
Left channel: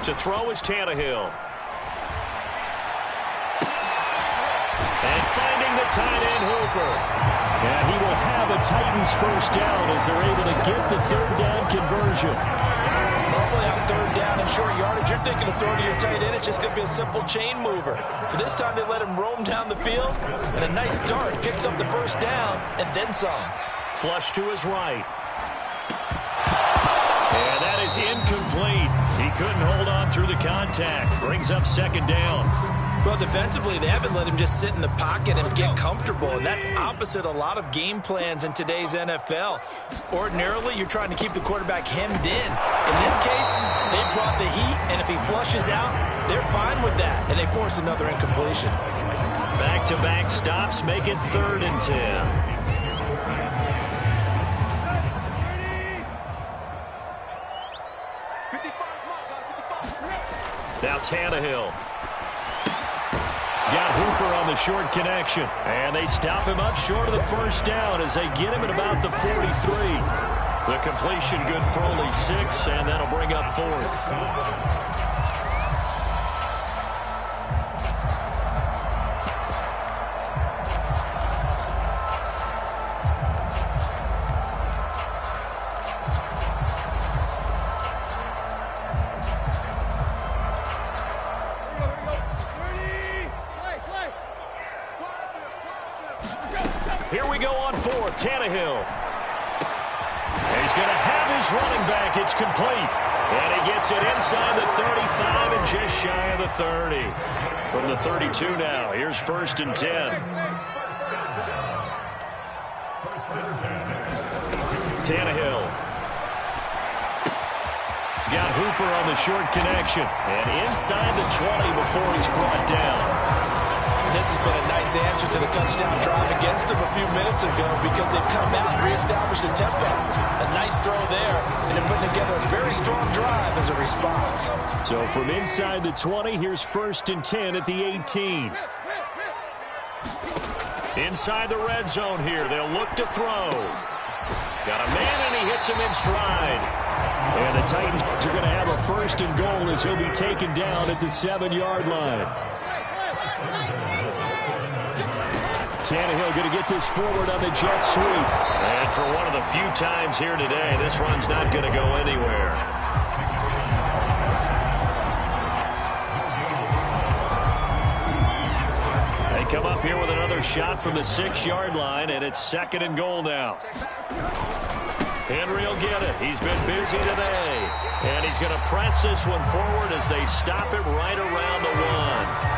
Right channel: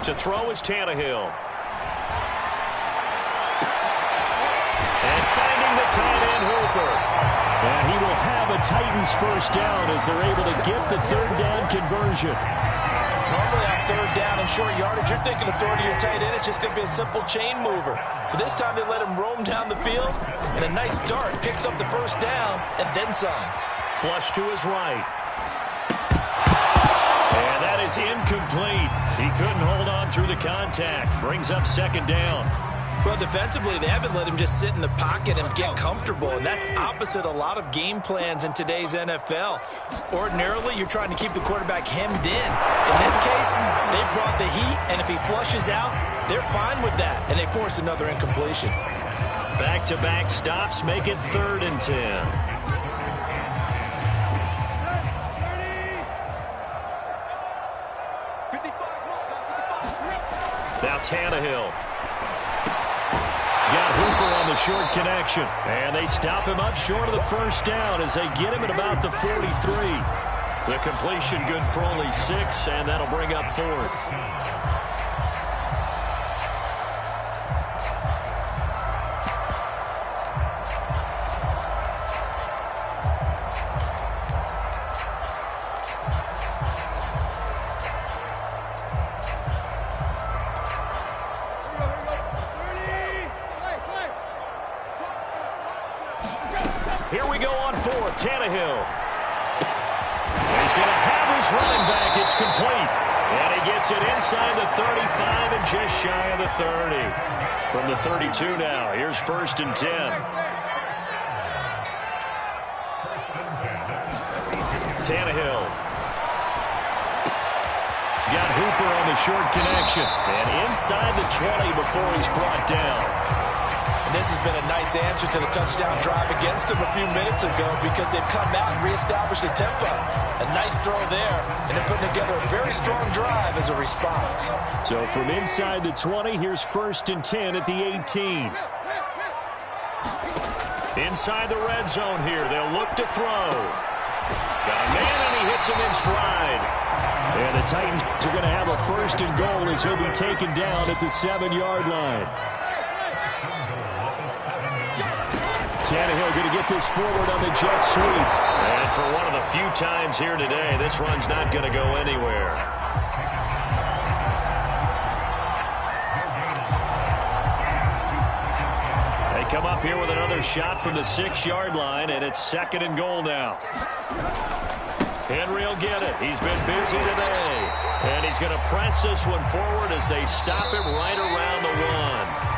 To throw is Tannehill. And finding the tight end Hooper. And he will have a Titans first down as they're able to get the third down conversion. Normally on third down and short yardage, you're thinking of throwing to your tight end. It's just going to be a simple chain mover. But this time they let him roam down the field, and a nice dart picks up the first down and then some. Flush to his right. And that is incomplete. He couldn't hold on through the contact. Brings up second down. Well, defensively, they haven't let him just sit in the pocket and get comfortable, and that's opposite a lot of game plans in today's NFL. Ordinarily, you're trying to keep the quarterback hemmed in. In this case, they brought the heat, and if he flushes out, they're fine with that, and they force another incompletion. Back-to-back stops make it 3rd and 10. Now Tannehill. He's got Hooper on the short connection. And they stop him up short of the first down as they get him at about the 43. The completion good for only 6, and that'll bring up 4th. Here we go on 4th. Tannehill. And he's going to have his running back. It's complete. And he gets it inside the 35 and just shy of the 30. From the 32 now. Here's 1st and 10. Tannehill. He's got Hooper on the short connection. And inside the 20 before he's brought down. And this has been a nice answer to the touchdown drive against them a few minutes ago because they've come out and reestablished the tempo. A nice throw there, and they're putting together a very strong drive as a response. So from inside the 20, here's 1st and 10 at the 18. Inside the red zone here, they'll look to throw. Got a man, and he hits him in stride. And the Titans are going to have a 1st and goal as he'll be taken down at the 7-yard line. Tannehill going to get this forward on the jet sweep. And for one of the few times here today, this run's not going to go anywhere. They come up here with another shot from the 6-yard line, and it's 2nd and goal now. Henry will get it. He's been busy today. And he's going to press this one forward as they stop him right around the 1.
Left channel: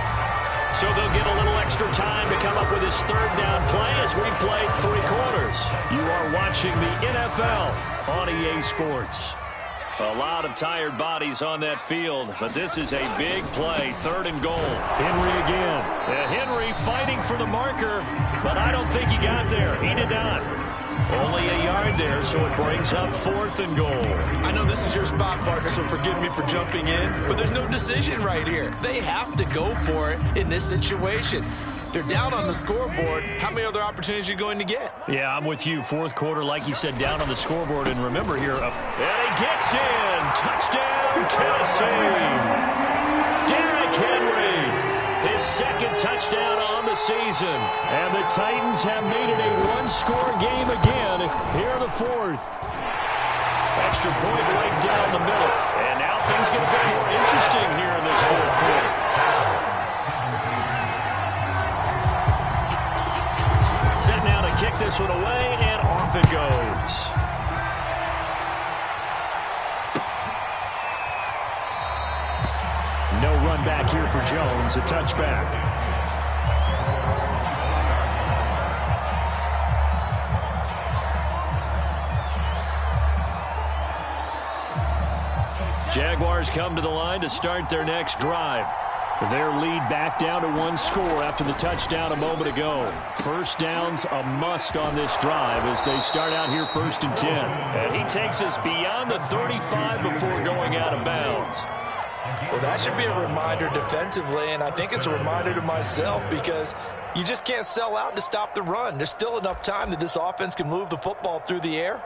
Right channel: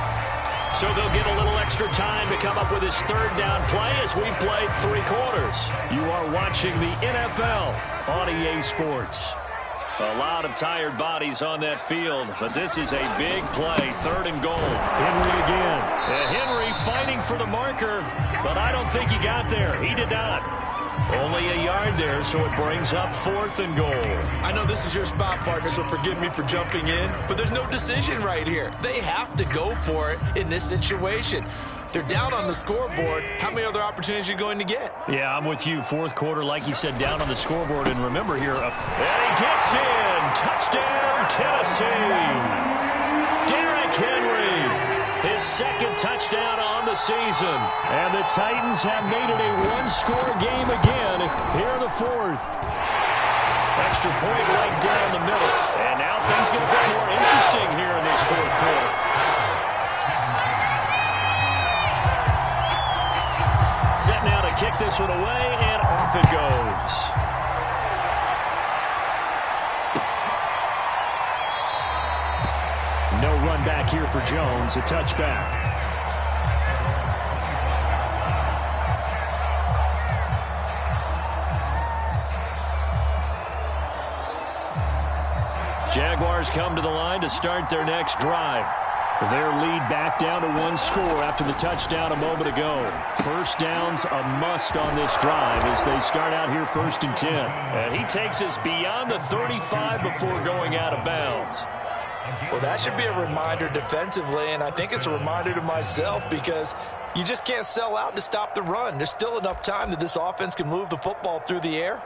So they'll get a little extra time to come up with his 3rd down play as we've played 3 quarters. You are watching the NFL on EA Sports. A lot of tired bodies on that field, but this is a big play, 3rd and goal. Henry again. And Henry fighting for the marker, but I don't think he got there. He did not. Only a yard there, so it brings up 4th and goal. I know this is your spot, partner, so forgive me for jumping in, but there's no decision right here. They have to go for it in this situation. They're down on the scoreboard. How many other opportunities are you going to get? Yeah, I'm with you. 4th quarter, like you said, down on the scoreboard. And remember here, and he gets in. Touchdown, Tennessee. Derrick Henry. His 2nd touchdown on the season. And the Titans have made it a 1-score game again. Here the 4th. Extra point right down the middle. And now things get a bit more interesting here in this 4th quarter. Set now to kick this one away, and off it goes. No run back here for Jones, a touchback. Jaguars come to the line to start their next drive. Their lead back down to 1 score after the touchdown a moment ago. 1st down's a must on this drive as they start out here 1st and 10. And he takes us beyond the 35 before going out of bounds. Well, that should be a reminder defensively, and I think it's a reminder to myself because you just can't sell out to stop the run. There's still enough time that this offense can move the football through the air,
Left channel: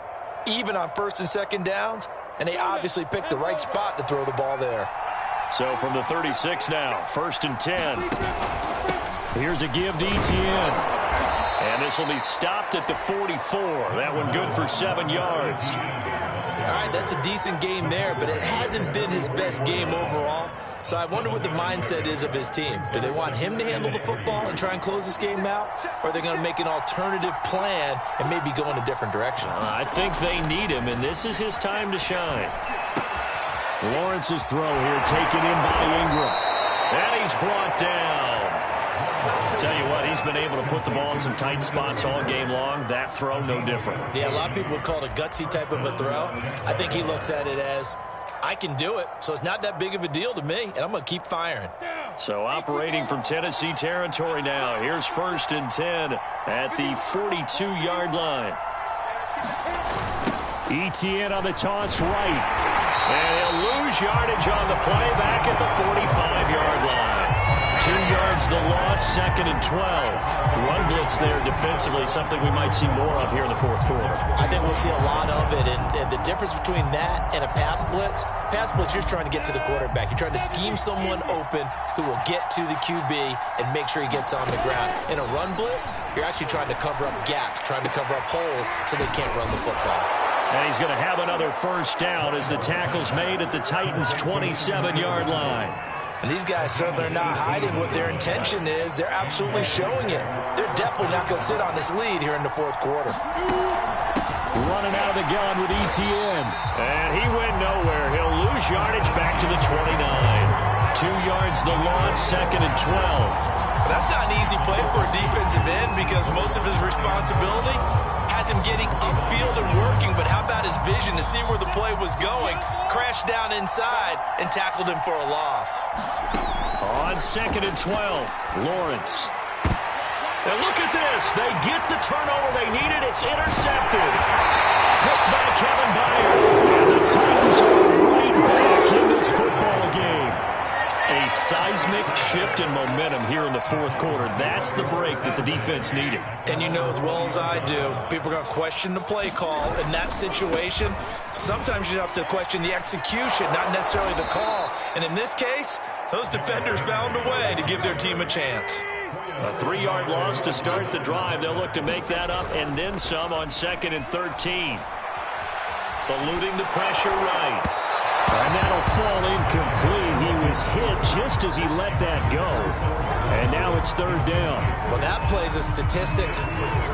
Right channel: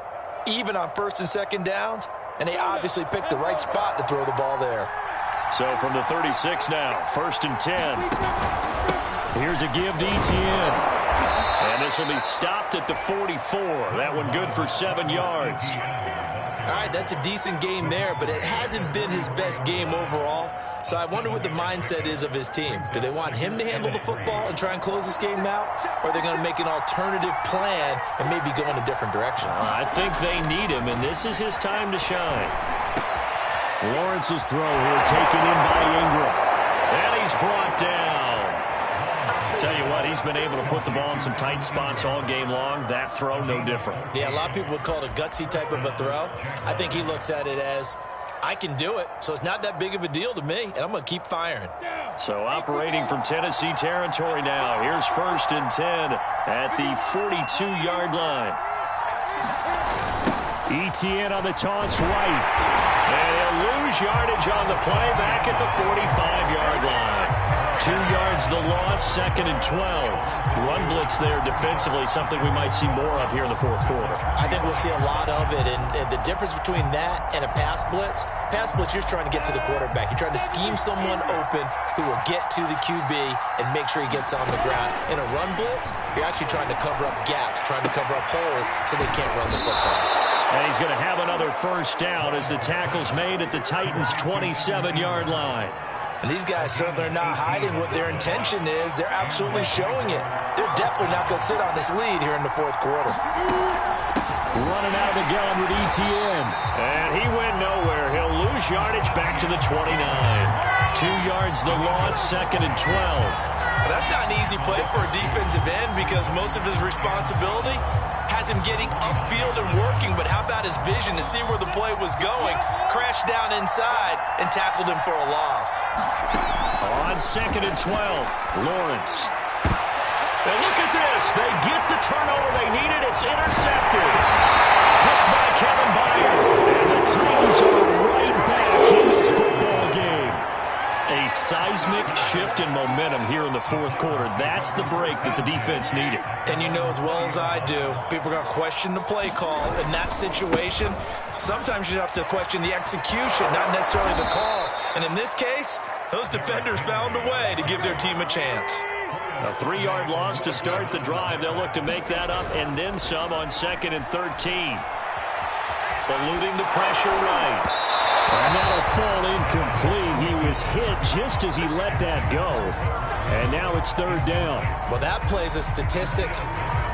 even on 1st and 2nd downs, and they obviously picked the right spot to throw the ball there. So from the 36 now, 1st and 10. Here's a give to Etienne. And this will be stopped at the 44. That one good for 7 yards. All right, that's a decent game there, but it hasn't been his best game overall. So I wonder what the mindset is of his team. Do they want him to handle the football and try and close this game out? Or are they going to make an alternative plan and maybe go in a different direction? I think they need him, and this is his time to shine. Lawrence's throw here taken in by Ingram. And he's brought down. Tell you what, he's been able to put the ball in some tight spots all game long. That throw, no different. Yeah, a lot of people would call it a gutsy type of a throw. I think he looks at it as, I can do it, so it's not that big of a deal to me, and I'm going to keep firing. So operating from Tennessee territory now. Here's 1st and 10 at the 42-yard line. Etienne on the toss right. And he'll lose yardage on the play back at the 45-yard line. 2 yards the loss, 2nd and 12. Run blitz there defensively, something we might see more of here in the 4th quarter. I think we'll see a lot of it, and the difference between that and a pass blitz, you're just trying to get to the quarterback. You're trying to scheme someone open who will get to the QB and make sure he gets on the ground. In a run blitz, you're actually trying to cover up gaps, trying to cover up holes so they can't run the football. And he's going to have another 1st down as the tackle's made at the Titans' 27-yard line. And these guys certainly are not hiding what their intention is. They're absolutely showing it. They're definitely not going to sit on this lead here in the 4th quarter. Running out of the gun with Etienne. And he went nowhere. He'll lose yardage back to the 29. 2 yards the loss, 2nd and 12. Well, that's not an easy play for a defensive end because most of his responsibility has him getting upfield and working, but how about his vision to see where the play was going, crashed down inside, and tackled him for a loss. On 2nd and 12, Lawrence. And look at this. They get the turnover they needed. It's intercepted. Picked by Kevin Byard. And the Titans are right back in this football game. A seismic shift in momentum here in the 4th quarter. That's the break that the defense needed. And you know as well as I do, people are going to question the play call in that situation. Sometimes you have to question the execution, not necessarily the call. And in this case, those defenders found a way to give their team a chance. A 3-yard loss to start the drive. They'll look to make that up and then some on 2nd and 13. Eluding the pressure right. And that'll fall incomplete. He was hit just as he let that go. And now it's 3rd down. Well, that plays a statistic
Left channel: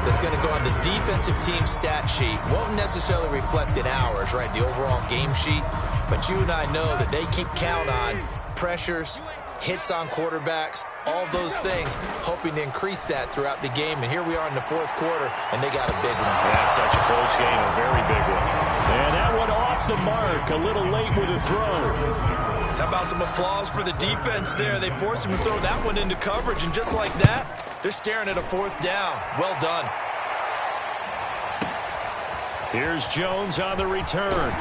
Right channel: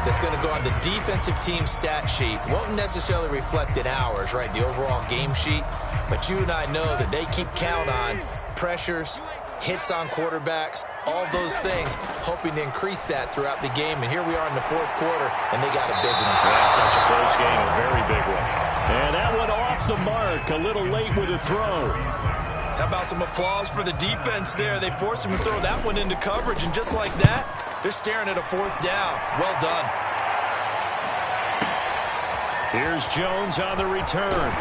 that's going to go on the defensive team stat sheet. Won't necessarily reflect in ours, right, the overall game sheet. But you and I know that they keep count on pressures, hits on quarterbacks, all those things, hoping to increase that throughout the game. And here we are in the 4th quarter, and they got a big one. That's such a close game, a very big one. And that one off the mark, a little late with a throw. How about some applause for the defense there? They forced him to throw that one into coverage, and just like that, they're staring at a 4th down. Well done. Here's Jones on the return.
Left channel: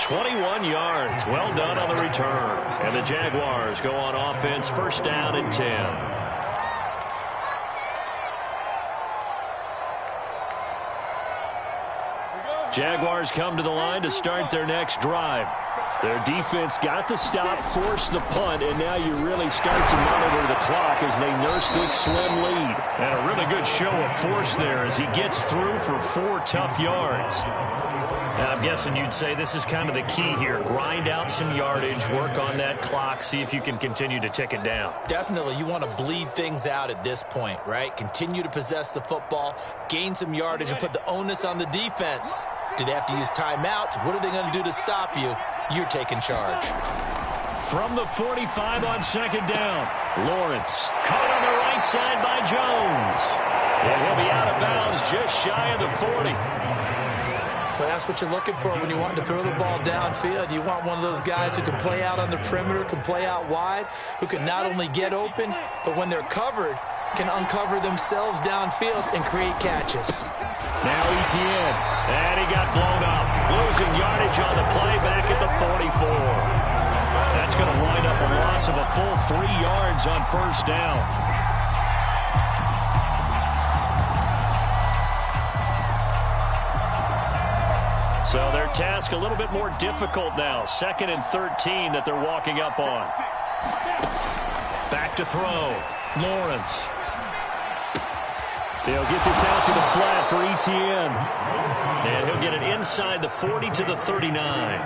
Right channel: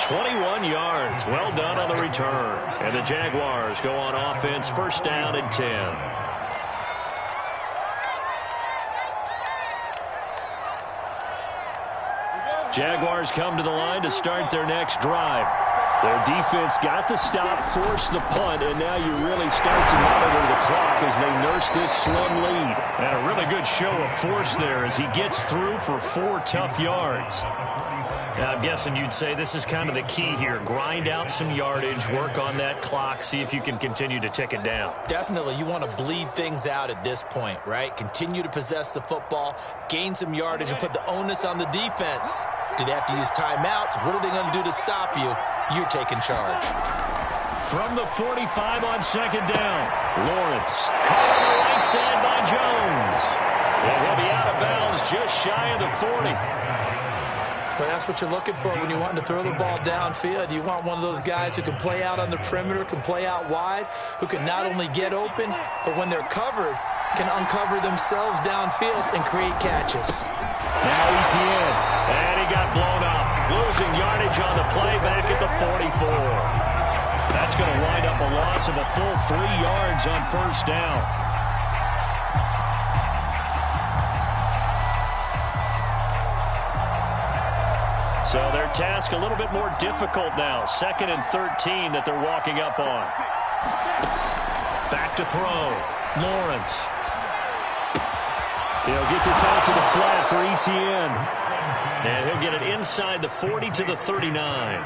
21 yards. Well done on the return. And the Jaguars go on offense, 1st down and 10. Jaguars come to the line to start their next drive. Their defense got the stop, forced the punt, and now you really start to monitor the clock as they nurse this slim lead. And a really good show of force there as he gets through for 4 tough yards. Now, I'm guessing you'd say this is kind of the key here. Grind out some yardage, work on that clock, see if you can continue to tick it down. Definitely, you want to bleed things out at this point, right? Continue to possess the football, gain some yardage, and put the onus on the defense. Do they have to use timeouts? What are they going to do to stop you? You're taking charge. From the 45 on 2nd down, Lawrence caught on the right side by Jones. And he'll be out of bounds just shy of the 40. Well, that's what you're looking for when you want to throw the ball downfield. You want one of those guys who can play out on the perimeter, can play out wide, who can not only get open, but when they're covered, can uncover themselves downfield and create catches. Now Etienne, and he got blown up. Losing yardage on the play back at the 44. That's going to wind up a loss of a full 3 yards on 1st down. So their task a little bit more difficult now. 2nd and 13 that they're walking up on. Back to throw. Lawrence He'll get this out to the flat for ETN. And he'll get it inside the 40 to the 39.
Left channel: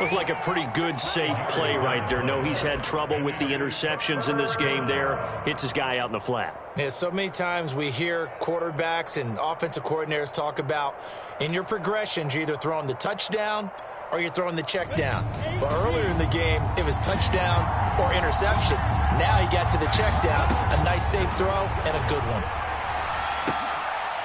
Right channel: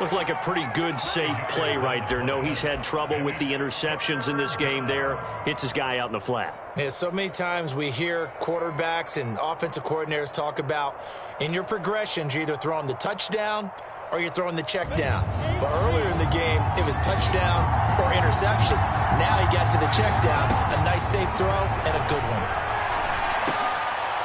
Looked like a pretty good, safe play right there. No, he's had trouble with the interceptions in this game there. Hits his guy out in the flat. Yeah, so many times we hear quarterbacks and offensive coordinators talk about in your progressions, you're either throwing the touchdown or you're throwing the check down. But earlier in the game, it was touchdown or interception. Now he got to the check down, a nice safe throw and a good one.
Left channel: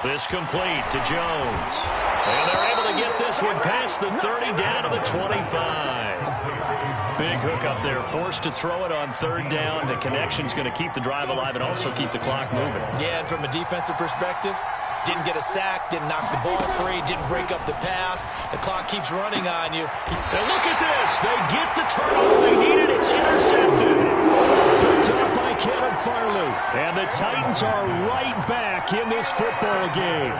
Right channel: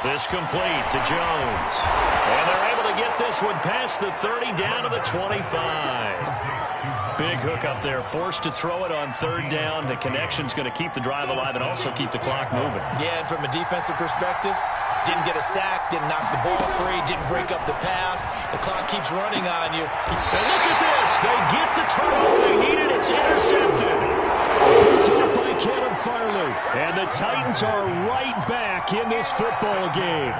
This complete to Jones. And they're able to get this one past the 30 down to the 25. Big hook up there, forced to throw it on third down. The connection's going to keep the drive alive and also keep the clock moving. Yeah, and from a defensive perspective, didn't get a sack, didn't knock the ball free, didn't break up the pass. The clock keeps running on you. And look at this. They get the turnover they needed. It's intercepted. Picked up by Kevin Farley. And the Titans are right back in this football game.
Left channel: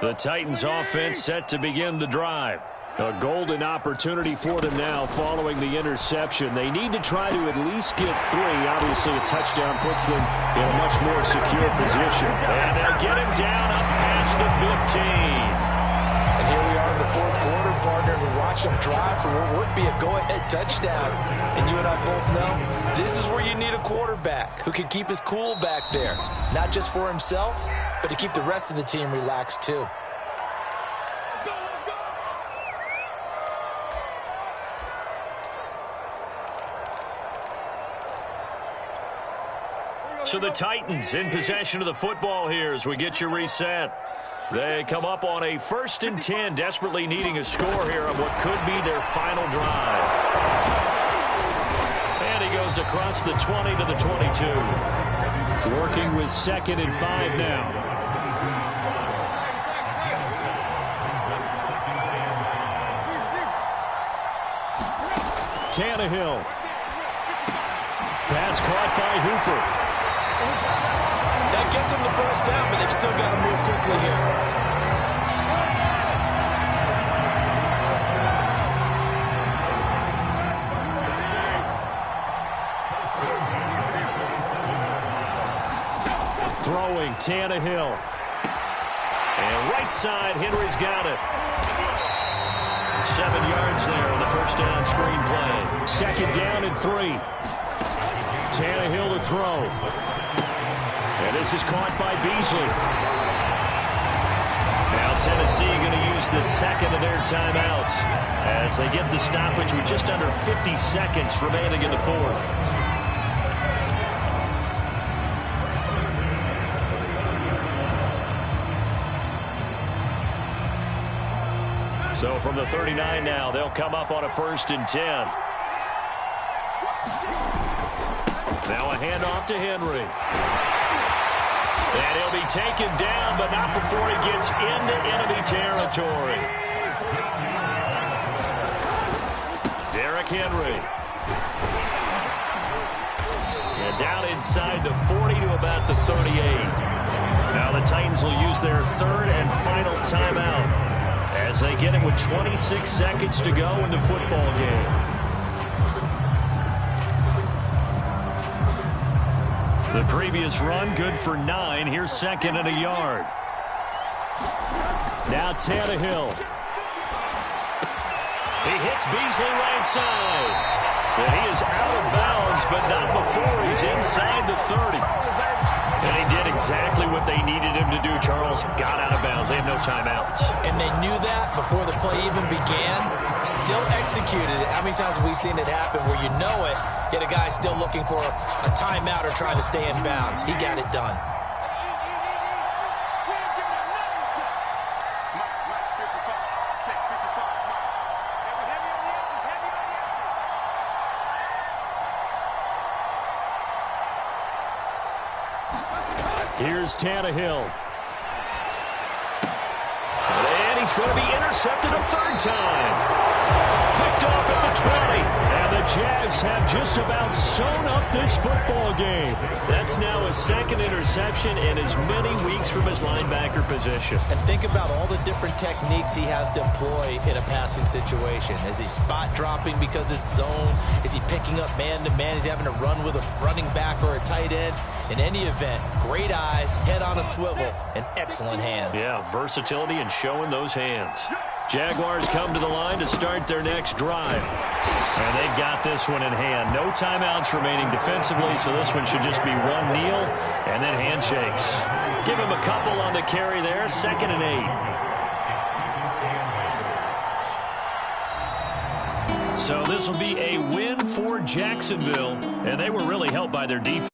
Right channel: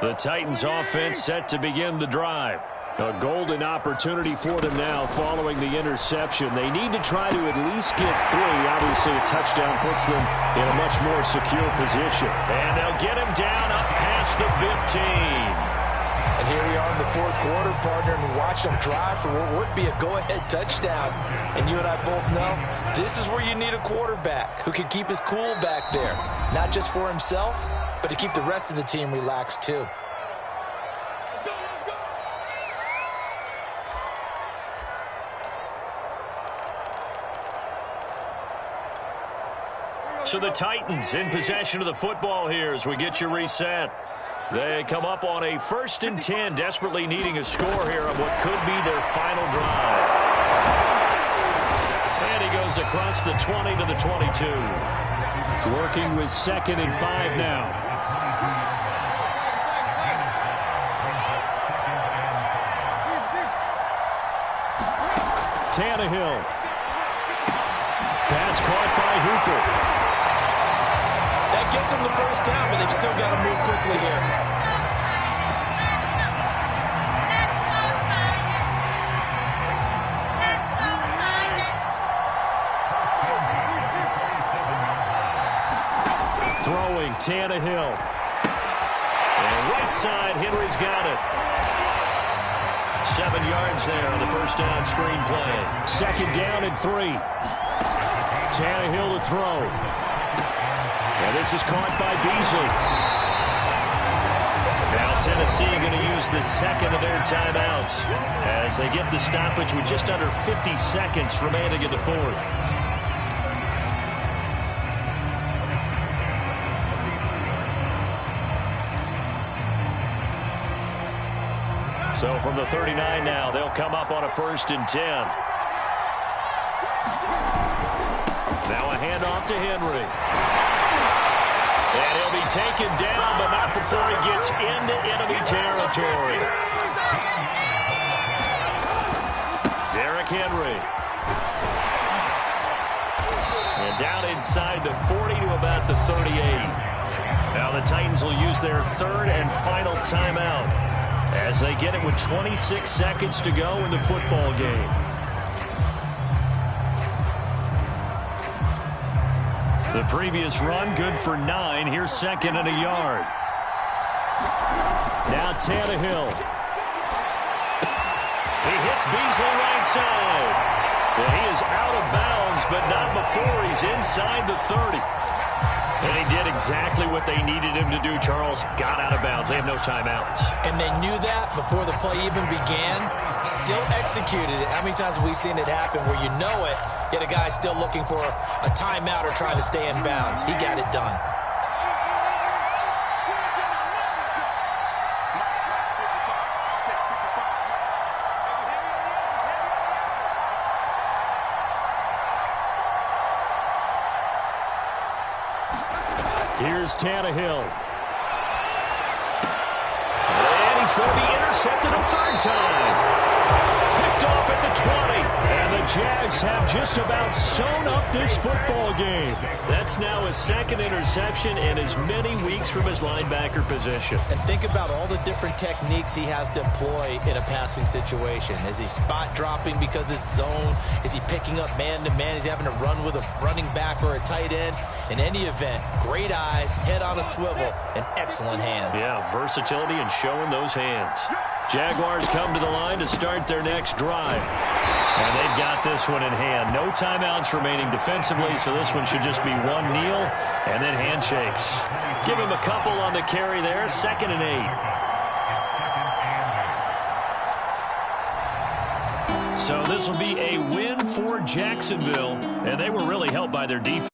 The Titans offense set to begin the drive. A golden opportunity for them now following the interception. They need to try to at least get 3. Obviously, a touchdown puts them in a much more secure position. And they'll get him down up past the 15. And here we are in the fourth quarter, partner, and we watch them drive for what would be a go-ahead touchdown. And you and I both know this is where you need a quarterback who can keep his cool back there. Not just for himself, but to keep the rest of the team relaxed too. So the Titans in possession of the football here as we get you reset. They come up on a 1st and 10, desperately needing a score here on what could be their final drive. And he goes across the 20 to the 22. Working with 2nd and 5 now. Tannehill. Pass caught by Hooper. That gets them the first down, but they've still got to move quickly here. Throwing Tannehill. And right side, Henry's got it. 7 yards there on the first down screen play. 2nd down and 3. Tannehill to throw. And this is caught by Beasley. Now Tennessee going to use the 2nd of their timeouts as they get the stoppage with just under 50 seconds remaining in the 4th. So from the 39 now, they'll come up on a 1st and 10. Now a handoff to Henry. And he'll be taken down, but not before he gets into enemy territory. Derrick Henry. And down inside the 40 to about the 38. Now the Titans will use their 3rd and final timeout as they get it with 26 seconds to go in the football game. The previous run, good for 9. Here's 2nd and a yard. Now Tannehill. He hits Beasley right side. And he is out of bounds, but not before he's inside the 30. And he did exactly what they needed him to do, Charles. Got out of bounds. They have no timeouts. And they knew that before the play even began. Still executed it. How many times have we seen it happen where you know it, yet a guy still looking for a timeout or trying to stay in bounds? He got it done. Here's Tannehill. And he's going to be intercepted a 3rd time. Picked picked off at the 20. And the Jags have just about sewn up this football game. That's now his second interception in as many weeks from his linebacker position. And think about all the different techniques he has to employ in a passing situation. Is he spot dropping because it's zone? Is he picking up man-to-man? Is he having to run with a running back or a tight end? In any event, great eyes, head on a swivel, and excellent hands. Yeah, versatility and showing those hands. Jaguars come to the line to start their next drive. And they've got this one in hand. No timeouts remaining defensively, so this one should just be one kneel and then handshakes. Give him a couple on the carry there, 2nd and 8. So this will be a win for Jacksonville, and they were really helped by their defense.